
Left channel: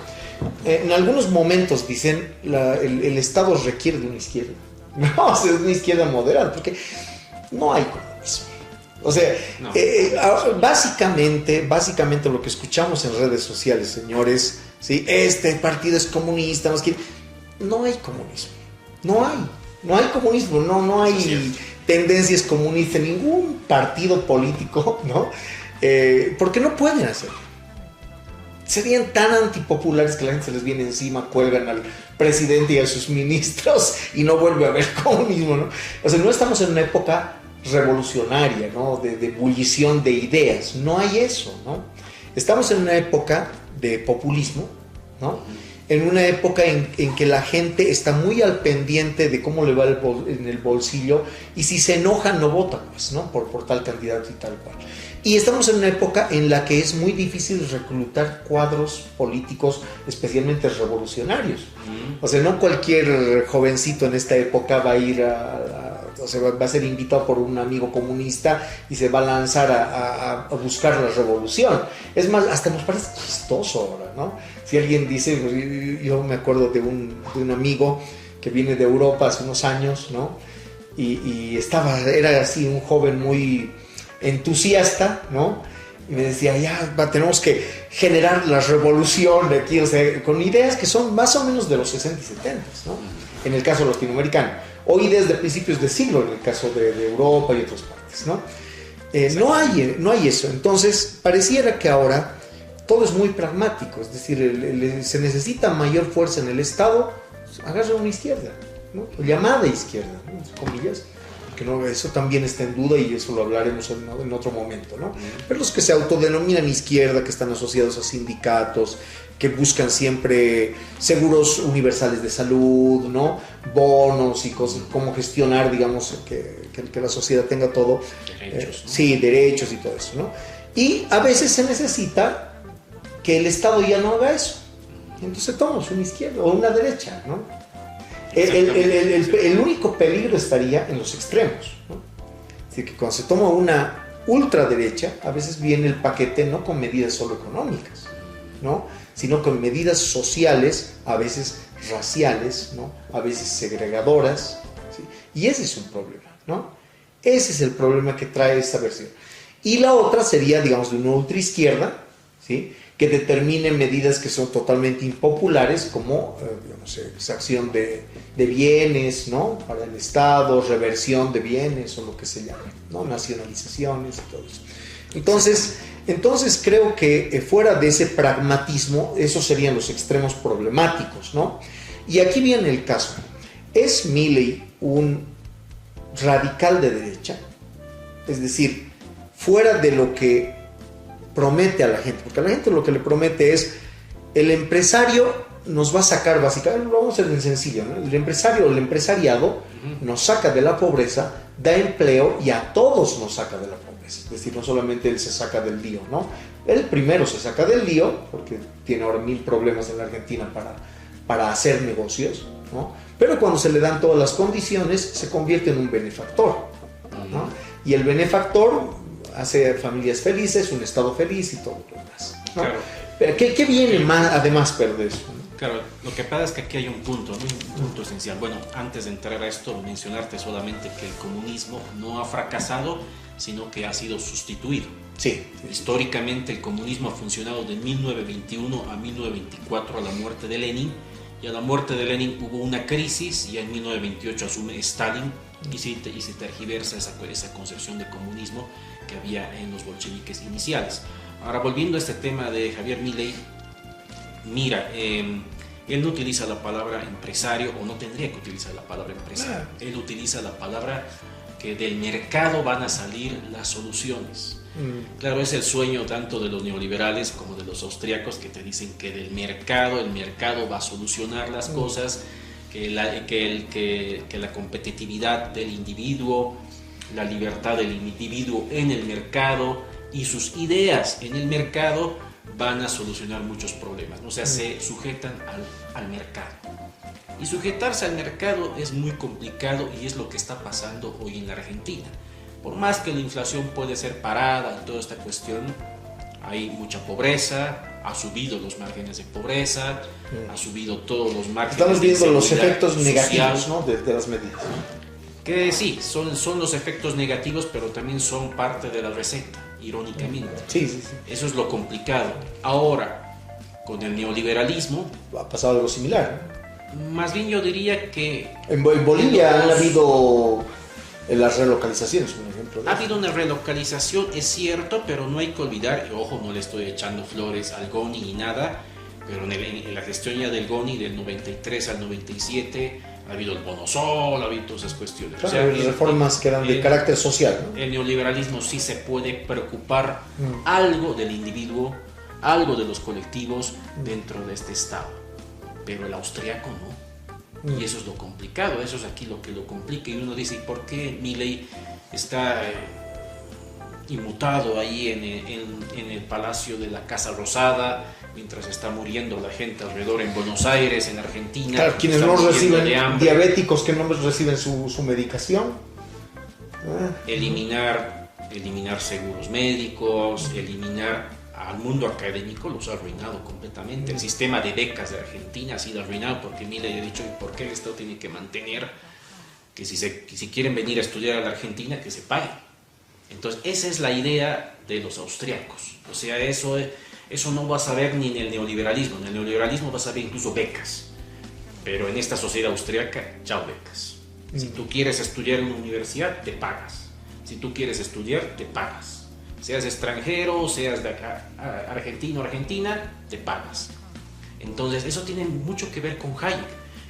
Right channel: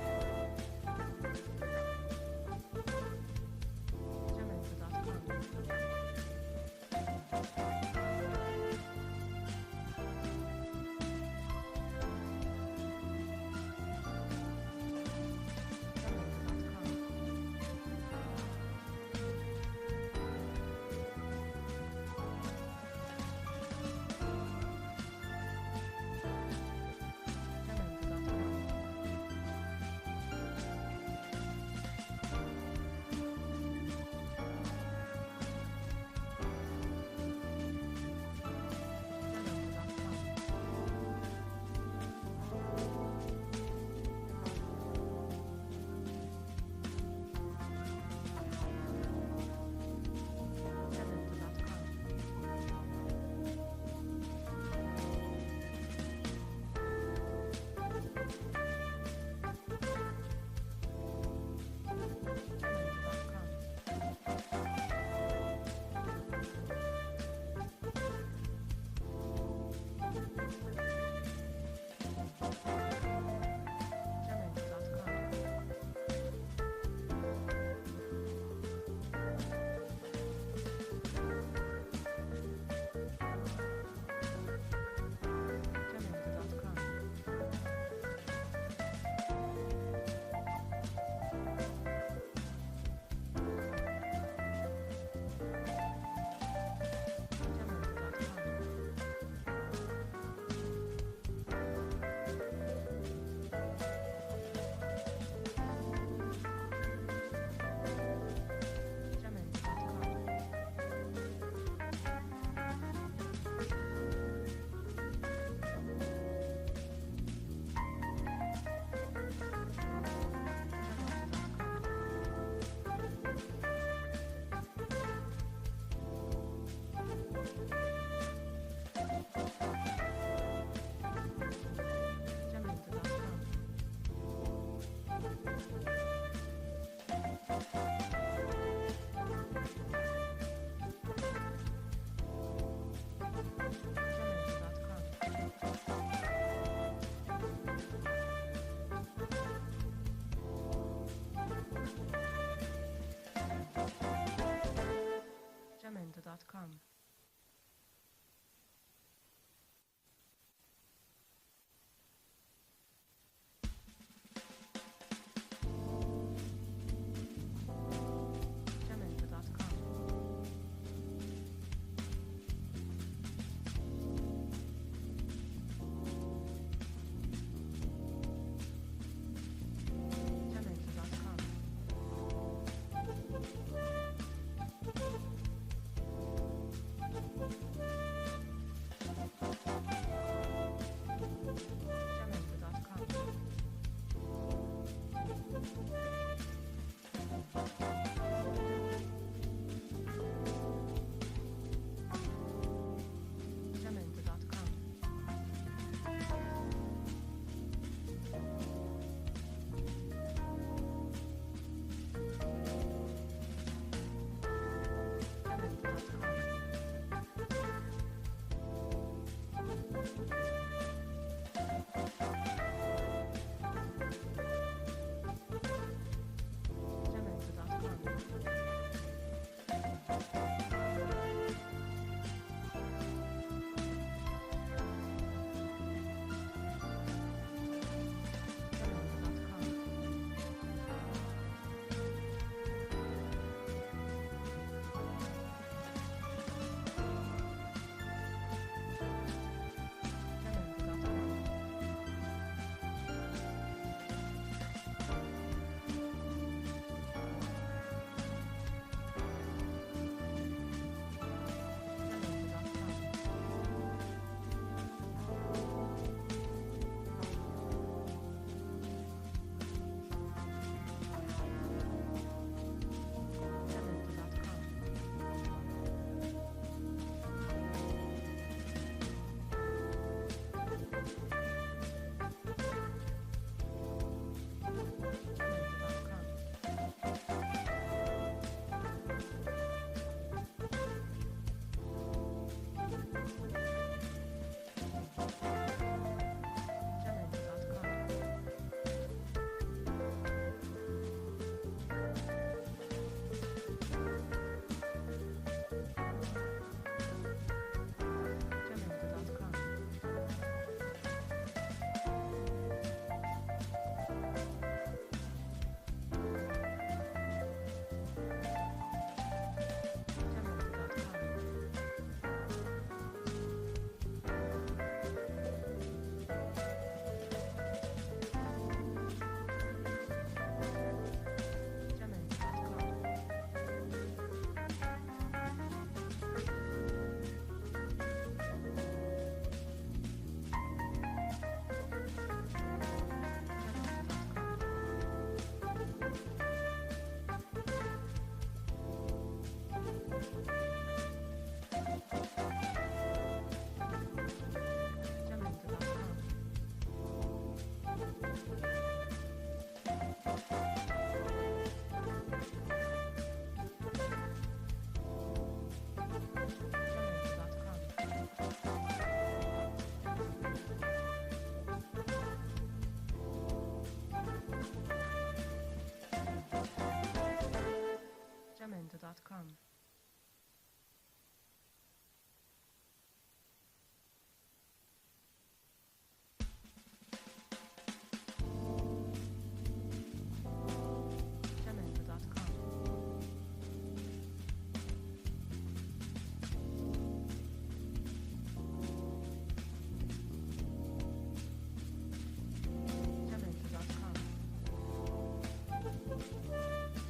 En algunos momentos dicen el Estado requiere de una izquierda. No, o sea, es una izquierda moderada, porque no hay comunismo. O sea, No. básicamente lo que escuchamos en redes sociales, señores, ¿sí? Este partido es comunista, no hay comunismo. No hay comunismo, no hay tendencias comunistas en ningún partido político, ¿no? Porque no pueden hacerlo. Serían tan antipopulares que la gente se les viene encima, cuelgan al presidente y a sus ministros y no vuelve a haber comunismo, ¿no? O sea, no estamos en una época revolucionaria, ¿no? De ebullición de ideas, no hay eso, ¿no? Estamos en una época de populismo, ¿no? En una época en que la gente está muy al pendiente de cómo le va en el bolsillo, y si se enoja no vota, pues, ¿no? Por tal candidato y tal cual. Y estamos en una época en la que es muy difícil reclutar cuadros políticos, especialmente revolucionarios. O sea, no cualquier jovencito en esta época va a ir o sea, va a ser invitado por un amigo comunista y se va a lanzar a buscar la revolución. Es más, hasta nos parece chistoso ahora, ¿no? Si alguien dice, yo me acuerdo de un amigo que viene de Europa hace unos años, ¿no? Y era así un joven muy entusiasta, ¿no? Y me decía, tenemos que generar la revolución de aquí, o sea, con ideas que son más o menos de los 60 y 70, ¿no? En el caso latinoamericano, o ideas de principios de siglo, en el caso de Europa y otras partes, ¿no? No hay eso. Entonces, pareciera que ahora todo es muy pragmático, es decir, se necesita mayor fuerza en el Estado, pues, agarra una izquierda, ¿no? Llamada izquierda, ¿no? Entre comillas, que no, eso también está en duda y eso lo hablaremos en otro momento, ¿no? Pero los que se autodenominan izquierda, que están asociados a sindicatos, que buscan siempre seguros universales de salud, ¿no? Bonos y cosas, cómo gestionar, digamos, que la sociedad tenga todo. Derechos. Sí, derechos y todo eso, ¿no? Y a veces se necesita que el Estado ya no haga eso. Entonces tomamos una izquierda o una derecha, ¿no? El único peligro estaría en los extremos, ¿no? Es decir, que cuando se toma una ultraderecha, a veces viene el paquete no con medidas solo económicas, ¿no? Sino con medidas sociales, a veces raciales, ¿no? A veces segregadoras, ¿sí? Y ese es un problema, ¿no? Ese es el problema que trae esta versión. Y la otra sería, digamos, de una ultraizquierda, ¿sí? Que determine medidas que son totalmente impopulares, como digamos, exacción de bienes, ¿no? Para el Estado, reversión de bienes o lo que se llame, ¿no? Nacionalizaciones y todo eso. Entonces creo que fuera de ese pragmatismo, esos serían los extremos problemáticos, ¿no? Y aquí viene el caso. ¿Es Milley un radical de derecha? Es decir, fuera de lo que promete a la gente, porque a la gente lo que le promete es: el empresario nos va a sacar, básicamente, lo vamos a hacer bien sencillo, ¿no? El empresario o el empresariado nos saca de la pobreza, da empleo y a todos nos saca de la pobreza. Es decir, no solamente él se saca del lío, ¿no? Él primero se saca del lío, porque tiene ahora 1000 problemas en la Argentina para hacer negocios, ¿no? Pero cuando se le dan todas las condiciones, se convierte en un benefactor, ¿no? Y el benefactor hace familias felices, un Estado feliz y todo lo demás, ¿no? Claro. Pero ¿qué viene más, además de eso? Claro, lo que pasa es que aquí hay un punto, ¿no? Un punto esencial. Bueno, antes de entrar a esto, mencionarte solamente que el comunismo no ha fracasado, sino que ha sido sustituido. Sí. Históricamente el comunismo ha funcionado de 1921 a 1924, a la muerte de Lenin, y a la muerte de Lenin hubo una crisis y en 1928 asume Stalin y se tergiversa esa concepción de comunismo que había en los bolcheviques iniciales. Ahora, volviendo a este tema de Javier Milei, mira, él no utiliza la palabra empresario, o no tendría que utilizar la palabra empresario. Él utiliza la palabra que del mercado van a salir las soluciones. Claro, es el sueño tanto de los neoliberales como de los austríacos, que te dicen que del mercado, el mercado va a solucionar las cosas, que la competitividad del individuo, la libertad del individuo en el mercado y sus ideas en el mercado van a solucionar muchos problemas. O sea, se sujetan al mercado. Y sujetarse al mercado es muy complicado, y es lo que está pasando hoy en la Argentina. Por más que la inflación puede ser parada y toda esta cuestión, hay mucha pobreza, ha subido los márgenes de pobreza, ha subido todos los márgenes. Estamos viendo los efectos social, negativos, ¿no?, de las medidas. Que sí, son los efectos negativos, pero también son parte de la receta, irónicamente. Sí. Eso es lo complicado. Ahora, con el neoliberalismo Ha pasado algo similar, ¿no? Más bien yo diría que... En Bolivia han habido las relocalizaciones, por ejemplo, ¿no? Ha habido una relocalización, es cierto, pero no hay que olvidar, y ojo, no le estoy echando flores al GONI ni nada, pero en la gestión ya del GONI del 93 al 97 ha habido el bono sol, ha habido todas esas cuestiones. Claro, o sea, reformas que eran de carácter social, ¿no? El neoliberalismo sí se puede preocupar algo del individuo, algo de los colectivos dentro de este Estado, pero el austriaco no. Y eso es lo complicado, eso es aquí lo que lo complica. Y uno dice, ¿por qué Milei está inmutado ahí en el Palacio de la Casa Rosada, mientras está muriendo la gente alrededor en Buenos Aires, en Argentina? Claro, quienes no reciben, diabéticos que no reciben su medicación. Eliminar seguros médicos, eliminar al mundo académico, los ha arruinado completamente. El sistema de becas de Argentina ha sido arruinado porque Milei ha dicho por qué el Estado tiene que mantener que si quieren venir a estudiar a la Argentina, que se paguen. Entonces, esa es la idea de los austriacos. O sea, eso no vas a ver ni en el neoliberalismo. En el neoliberalismo vas a ver incluso becas. Pero en esta sociedad austriaca, chao becas. Si tú quieres estudiar en una universidad, te pagas. Si tú quieres estudiar, te pagas. Seas extranjero, seas de acá, argentino, argentina, te pagas. Entonces, eso tiene mucho que ver con Hayek.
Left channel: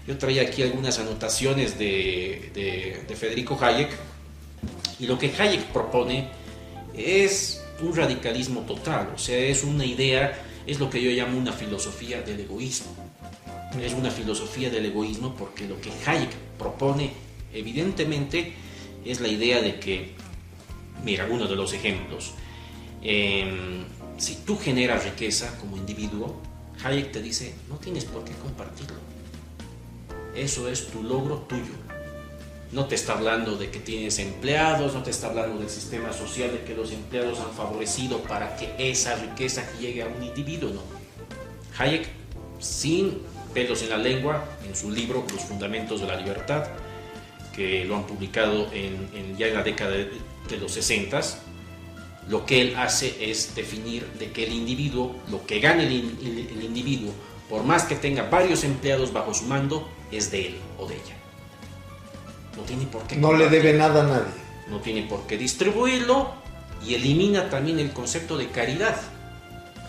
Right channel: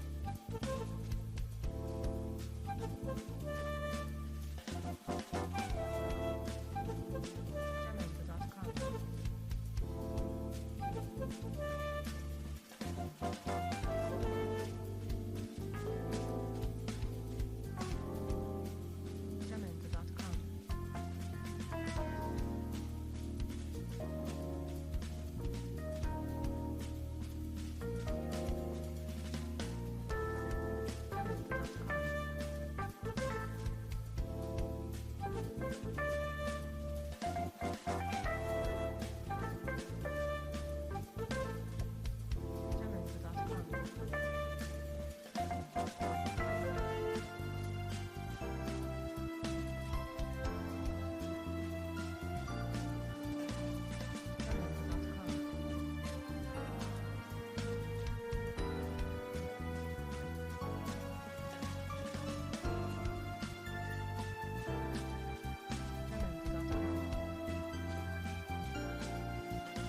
Yo traía aquí algunas anotaciones de Federico Hayek, y lo que Hayek propone es un radicalismo total, o sea, es una idea, es lo que yo llamo una filosofía del egoísmo. Es una filosofía del egoísmo porque lo que Hayek propone, evidentemente, es la idea de que, mira, uno de los ejemplos, si tú generas riqueza como individuo, Hayek te dice, no tienes por qué compartirlo. Eso es tu logro tuyo. No te está hablando de que tienes empleados, no te está hablando del sistema social, de que los empleados han favorecido para que esa riqueza llegue a un individuo, no. Hayek, sin pelos en la lengua, en su libro Los Fundamentos de la Libertad, que lo han publicado ya en la década de los 60s, lo que él hace es definir de que el individuo, lo que gane el individuo, por más que tenga varios empleados bajo su mando, es de él o de ella. No tiene por qué. No le debe nada a nadie. No tiene por qué distribuirlo, y elimina también el concepto de caridad.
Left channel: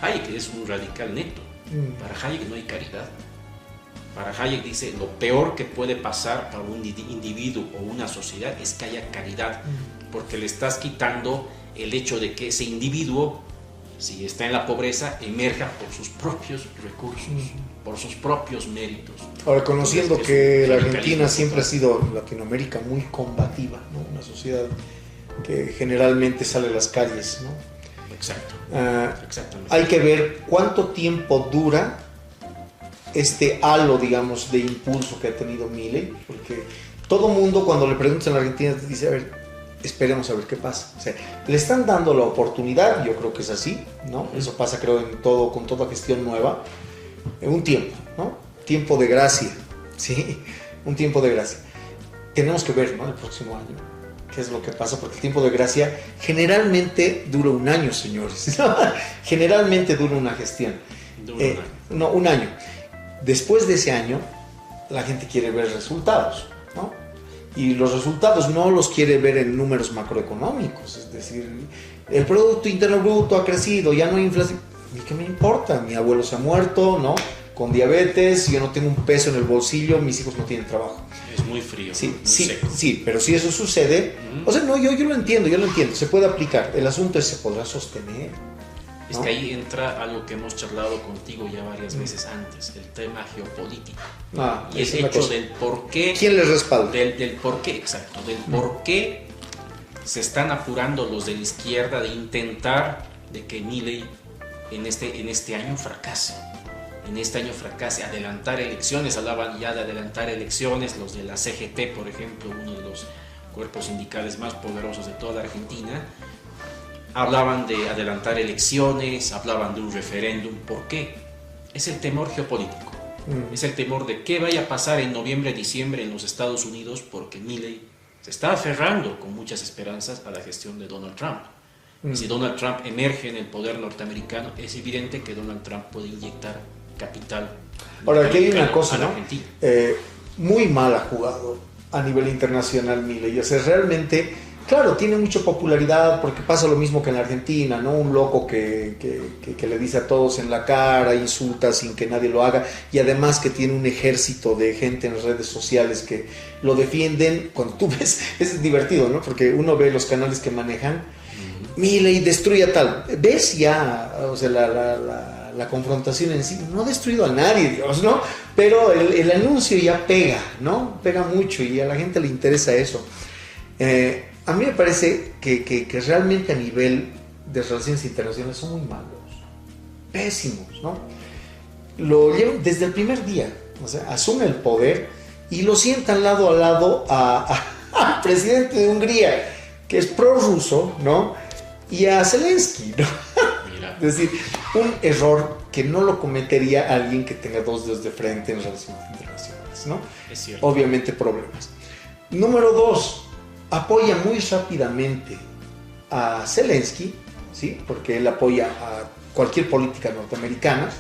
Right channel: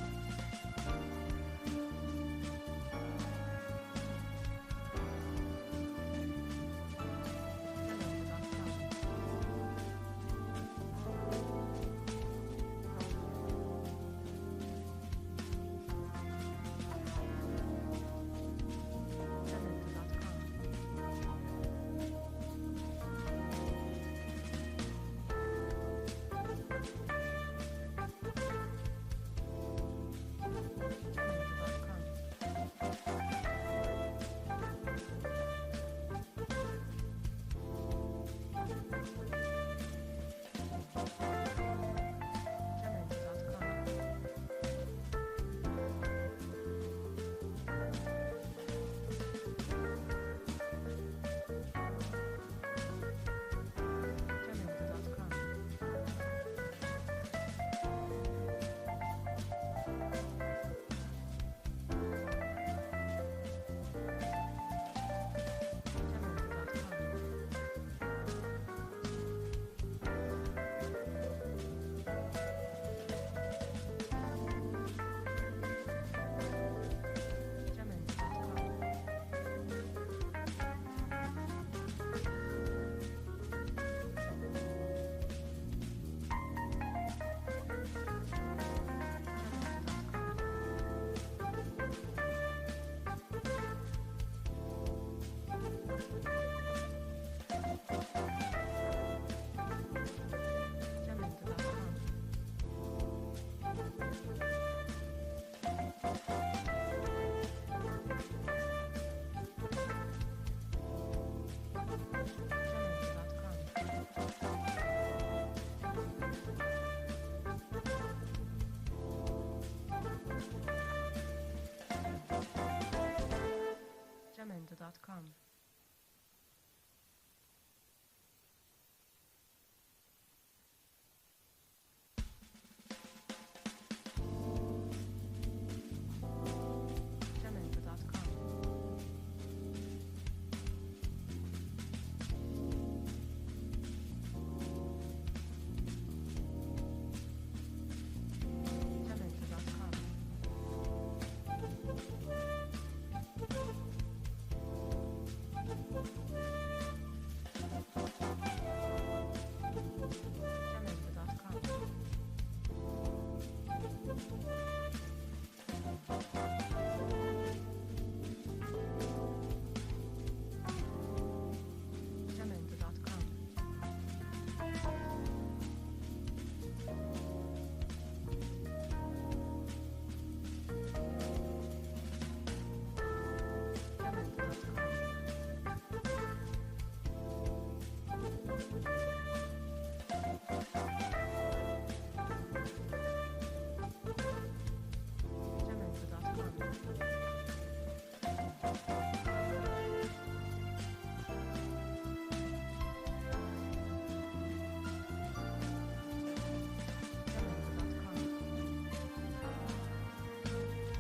Hayek es un radical neto. Para Hayek no hay caridad. Para Hayek dice, lo peor que puede pasar a un individuo o una sociedad es que haya caridad, porque le estás quitando el hecho de que ese individuo, si está en la pobreza, emerja por sus propios recursos, por sus propios méritos. Ahora, conociendo que la Argentina siempre ha sido, Latinoamérica, muy combativa, ¿no? Una sociedad que generalmente sale a las calles, ¿no? Exacto. Exactamente. Hay que ver cuánto tiempo dura este halo, digamos, de impulso que ha tenido Milei, porque todo mundo cuando le preguntan a la Argentina te dice, a ver, esperemos a ver qué pasa. O sea, le están dando la oportunidad, yo creo que es así, ¿no? Eso pasa, creo, con toda gestión nueva, en un tiempo, ¿no? Tiempo de gracia, ¿sí? Un tiempo de gracia. Tenemos que ver, ¿no? El próximo año, qué es lo que pasa, porque el tiempo de gracia generalmente dura un año, señores. Generalmente dura una gestión. No, un año. Después de ese año, la gente quiere ver resultados, ¿no? Y los resultados no los quiere ver en números macroeconómicos, es decir, el Producto Interno Bruto ha crecido, ya no hay inflación. ¿Y qué me importa? Mi abuelo se ha muerto, ¿no? Con diabetes, yo no tengo un peso en el bolsillo, mis hijos no tienen trabajo. Es muy frío. Sí, muy sí, seco. sí, pero si eso sucede, o sea, no, yo lo entiendo, se puede aplicar. El asunto es, ¿se podrá sostener? Es que ahí entra algo que hemos charlado contigo ya varias veces antes, el tema geopolítico. Y el hecho del por qué. ¿Quién les respalda? Del por qué, exacto. Del por qué se están apurando los de la izquierda de intentar de que Milei en este año fracase. En este año fracase, adelantar elecciones, hablaban ya de adelantar elecciones, los de la CGT, por ejemplo, uno de los cuerpos sindicales más poderosos de toda la Argentina, hablaban de adelantar elecciones, hablaban de un referéndum. ¿Por qué? Es el temor geopolítico. Es el temor de qué vaya a pasar en noviembre, diciembre en los Estados Unidos, porque Milei se está aferrando con muchas esperanzas a la gestión de Donald Trump. Si Donald Trump emerge en el poder norteamericano, es evidente que Donald Trump puede inyectar capital. Ahora, aquí hay una cosa, ¿no? Argentina. Muy mal ha jugado a nivel internacional Milei. O sea, realmente, claro, tiene mucha popularidad porque pasa lo mismo que en la Argentina, ¿no? Un loco que le dice a todos en la cara, insulta sin que nadie lo haga, y además que tiene un ejército de gente en las redes sociales que lo defienden. Cuando tú ves, es divertido, ¿no? Porque uno ve los canales que manejan, Milei destruye a tal. ¿Ves ya? O sea, la confrontación en sí no ha destruido a nadie, Dios, ¿no? Pero el anuncio ya pega, ¿no? Pega mucho y a la gente le interesa eso. A mí me parece que realmente a nivel de relaciones internacionales son muy malos, pésimos, ¿no? Lo llevan desde el primer día, o sea, asume el poder y lo sientan lado a lado al presidente de Hungría, que es prorruso, ¿no? Y a Zelensky, ¿no? Es decir, un error que no lo cometería alguien que tenga dos dedos de frente en relaciones internacionales, ¿no? Es cierto. Obviamente problemas. Número 2, apoya muy rápidamente a Zelensky, ¿sí? Porque él apoya a cualquier política norteamericana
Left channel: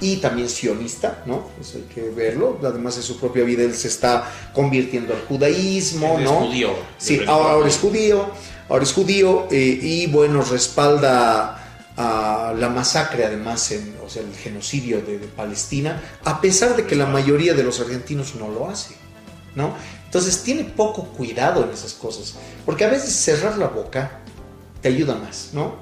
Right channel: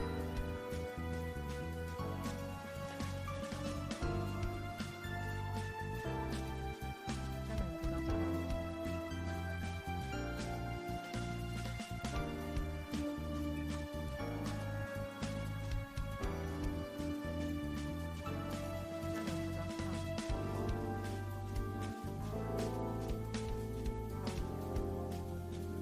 y también sionista, ¿no? Eso hay que verlo. Además, en su propia vida él se está convirtiendo al judaísmo, Él ¿no? es judío. Sí, ahora es judío y bueno, respalda a la masacre, además, o sea, el genocidio de Palestina, a pesar de que la mayoría de los argentinos no lo hace, ¿no? Entonces tiene poco cuidado en esas cosas, porque a veces cerrar la boca te ayuda más, ¿no?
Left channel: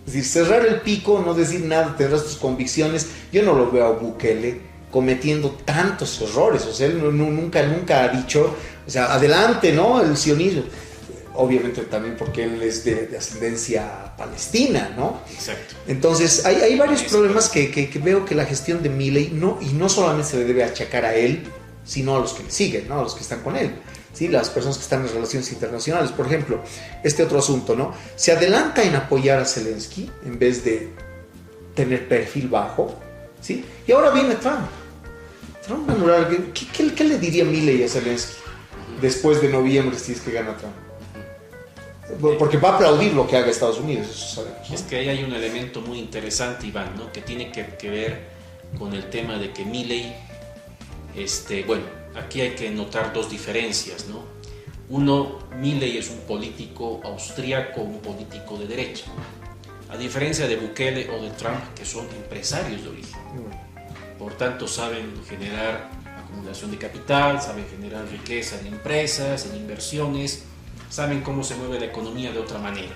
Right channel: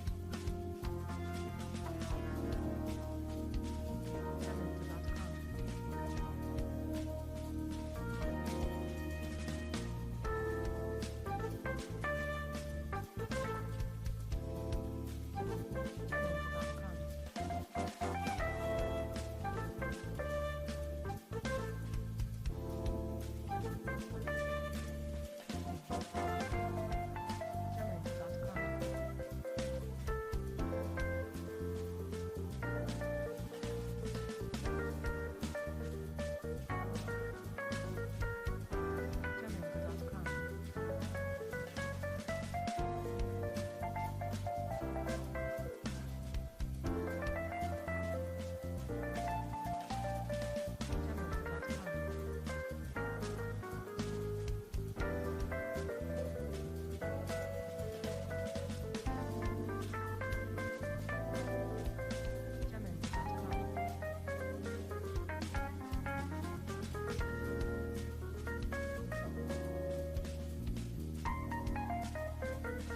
Es decir, cerrar el pico, no decir nada, tendrás tus convicciones. Yo no lo veo a Bukele cometiendo tantos errores, o sea, él nunca ha dicho, o sea, adelante, ¿no? El sionismo. Obviamente también porque él es de ascendencia palestina, ¿no? Exacto. Entonces hay varios problemas que veo que la gestión de Milei no solamente se le debe achacar a él, sino a los que le siguen, ¿no? A los que están con él, ¿sí? Las personas que están en relaciones internacionales. Por ejemplo, este otro asunto, ¿no? Se adelanta en apoyar a Zelensky en vez de tener perfil bajo, ¿sí? Y ahora viene Trump. Trump va a anular. ¿Qué le diría Milei a Zelensky después de noviembre si es que gana Trump? Porque va a aplaudir lo que haga Estados Unidos, eso sabemos, ¿no? Es que ahí hay un elemento muy interesante, Iván, ¿no? Que tiene que ver con el tema de que Milei, bueno, aquí hay que notar dos diferencias, ¿no? Uno, Milei es un político austríaco, un político de derecha, a diferencia de Bukele o de Trump, que son empresarios de origen. Por tanto, saben generar acumulación de capital, saben generar riqueza en empresas, en inversiones, saben cómo se mueve la economía de otra manera.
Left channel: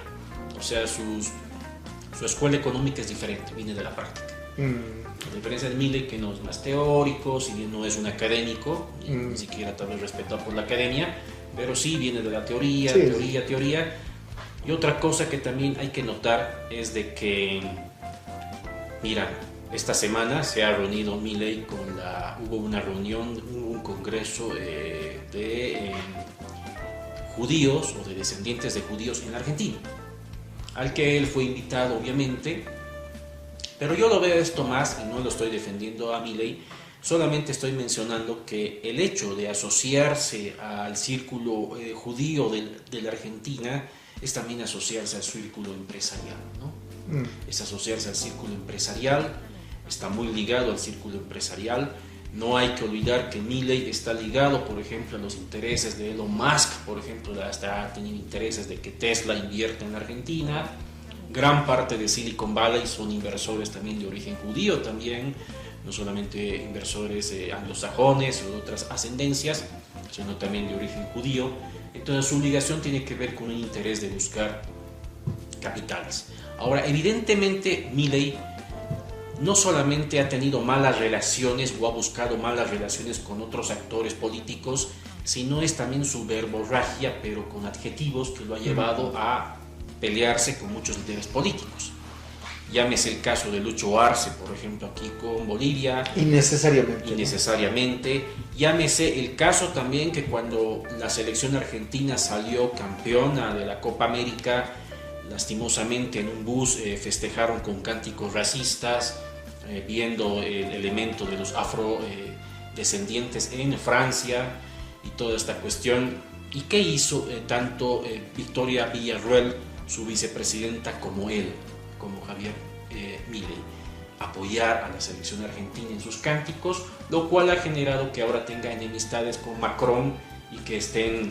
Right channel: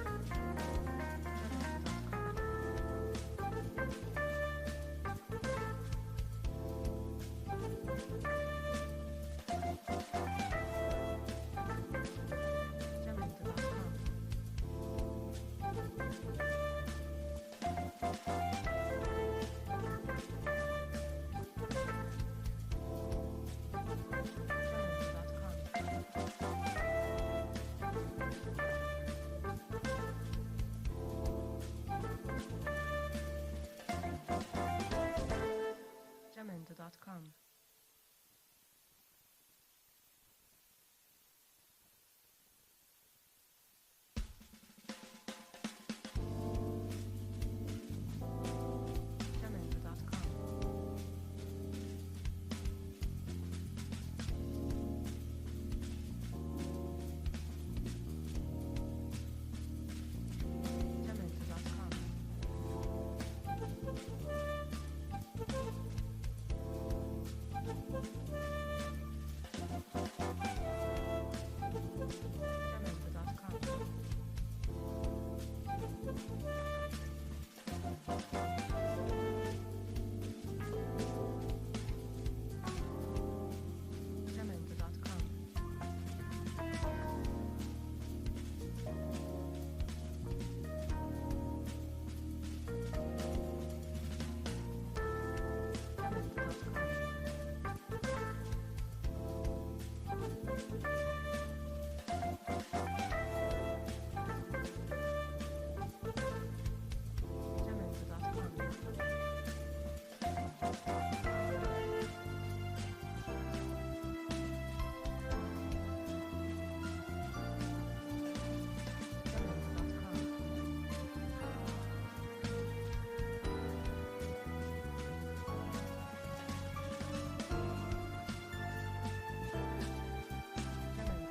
O sea, su escuela económica es diferente, viene de la práctica. A diferencia de Milei, que no es más teórico, si bien no es un académico, ni siquiera tal vez respetado por la academia, pero sí viene de la teoría, sí. teoría. Y otra cosa que también hay que notar es de que, mira, esta semana se ha reunido Milei hubo una reunión, un congreso de judíos o de descendientes de judíos en Argentina, al que él fue invitado, obviamente. Pero yo lo veo esto más, y no lo estoy defendiendo a Milei, solamente estoy mencionando que el hecho de asociarse al círculo judío de la Argentina es también asociarse al círculo empresarial, ¿no? Es asociarse al círculo empresarial, está muy ligado al círculo empresarial. No hay que olvidar que Milei está ligado, por ejemplo, a los intereses de Elon Musk, por ejemplo, hasta ha tenido intereses de que Tesla invierta en la Argentina, gran parte de Silicon Valley son inversores también de origen judío también, no solamente inversores anglosajones o de otras ascendencias, sino también de origen judío. Entonces su obligación tiene que ver con un interés de buscar capitales. Ahora, evidentemente Milei no solamente ha tenido malas relaciones o ha buscado malas relaciones con otros actores políticos, sino es también su verborragia, pero con adjetivos, que lo ha llevado a pelearse con muchos líderes políticos. Llámese el caso de Lucho Arce, por ejemplo, aquí con Bolivia. Innecesariamente. Llámese el caso también que cuando la selección argentina salió campeona de la Copa América, lastimosamente en un bus festejaron con cánticos racistas, viendo el elemento de los afrodescendientes en Francia y toda esta cuestión. ¿Y qué hizo tanto Victoria Villarruel, su vicepresidenta, como él, como Javier Milei? Apoyar a la selección argentina en sus cánticos, lo cual ha generado que ahora tenga enemistades con Macron y que estén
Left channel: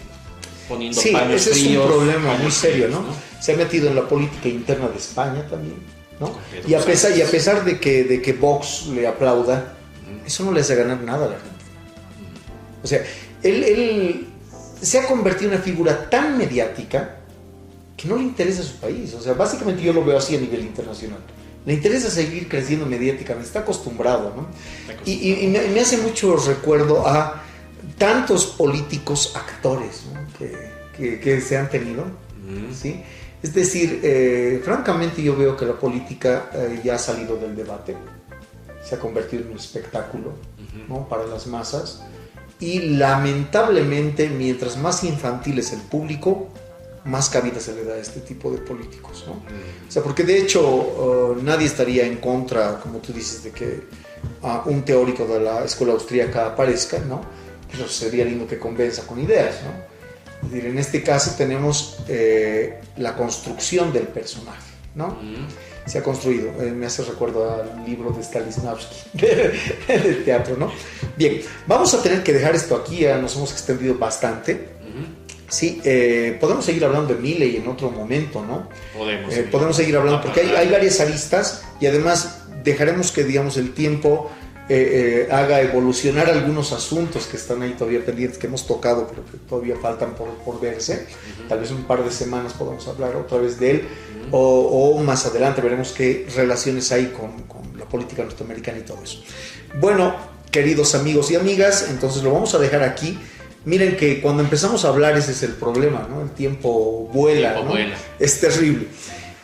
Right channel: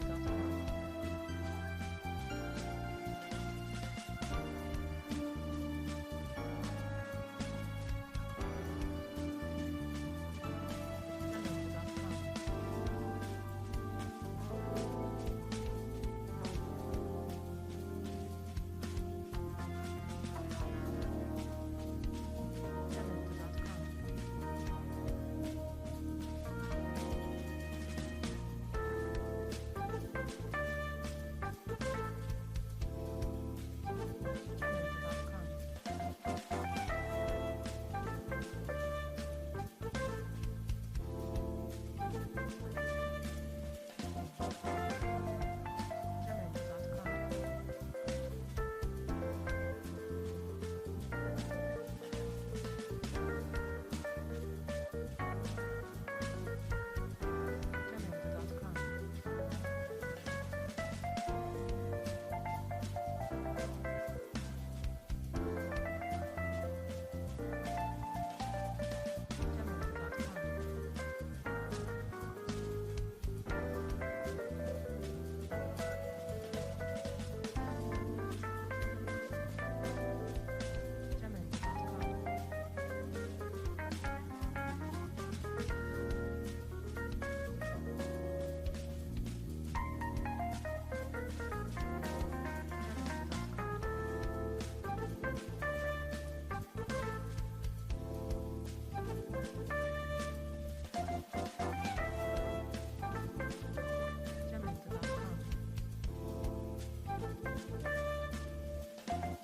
poniendo paños fríos. Sí, ese es un problema muy serio, ¿no? Se ha metido en la política interna de España también, ¿no? Y a pesar de que Vox le aplauda, eso no le hace ganar nada a la gente. O sea, él se ha convertido en una figura tan mediática que no le interesa a su país. O sea, básicamente yo lo veo así a nivel internacional. Le interesa seguir creciendo mediáticamente, está acostumbrado, ¿no? Y me hace mucho recuerdo a tantos políticos actores, ¿no? que se han tenido, ¿sí? Es decir, francamente yo veo que la política ya ha salido del debate, se ha convertido en un espectáculo, ¿no? Para las masas, y lamentablemente mientras más infantil es el público, más cabida se le da a este tipo de políticos, ¿no? O sea, porque de hecho nadie estaría en contra, como tú dices, de que un teórico de la escuela austríaca aparezca, ¿no? Pero sería lindo que convenza con ideas, ¿no? Es decir, en este caso tenemos la construcción del personaje, ¿no? Se ha construido, me hace recuerdo al libro de Stanislavski del teatro, ¿no? Bien, vamos a tener que dejar esto aquí, ya nos hemos extendido bastante. Sí, podemos seguir hablando de Milei en otro momento, ¿no? Podemos seguir hablando porque hay varias aristas y además dejaremos que, digamos, el tiempo haga evolucionar algunos asuntos que están ahí todavía pendientes, que hemos tocado, pero que todavía faltan por verse. Tal vez un par de semanas podamos hablar otra vez de él, o más adelante veremos qué relaciones hay con la política norteamericana y todo eso. Bueno, queridos amigos y amigas, entonces lo vamos a dejar aquí. Miren que cuando empezamos a hablar ese es el problema, ¿no? El tiempo vuela, ¿no? Es terrible.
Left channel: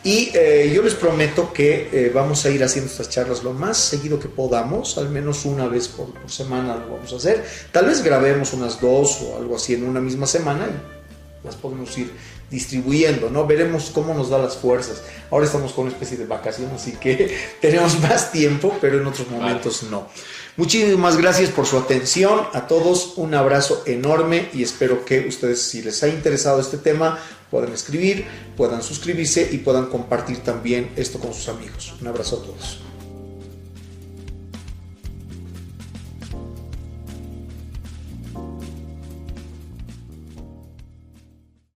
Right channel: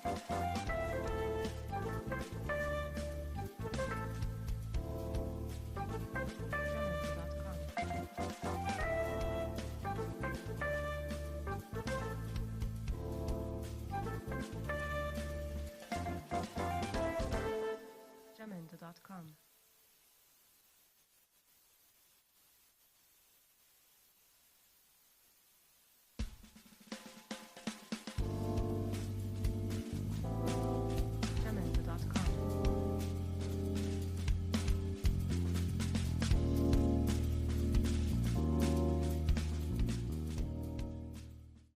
Y yo les prometo que vamos a ir haciendo estas charlas lo más seguido que podamos, al menos una vez por semana lo vamos a hacer. Tal vez grabemos unas 2 o algo así en una misma semana y las podemos ir distribuyendo, ¿no? Veremos cómo nos da las fuerzas. Ahora estamos con una especie de vacación, así que tenemos más tiempo, pero en otros momentos no. Muchísimas gracias por su atención. A todos un abrazo enorme y espero que ustedes, si les ha interesado este tema, puedan escribir, puedan suscribirse y puedan compartir también esto con sus amigos. Un abrazo a todos.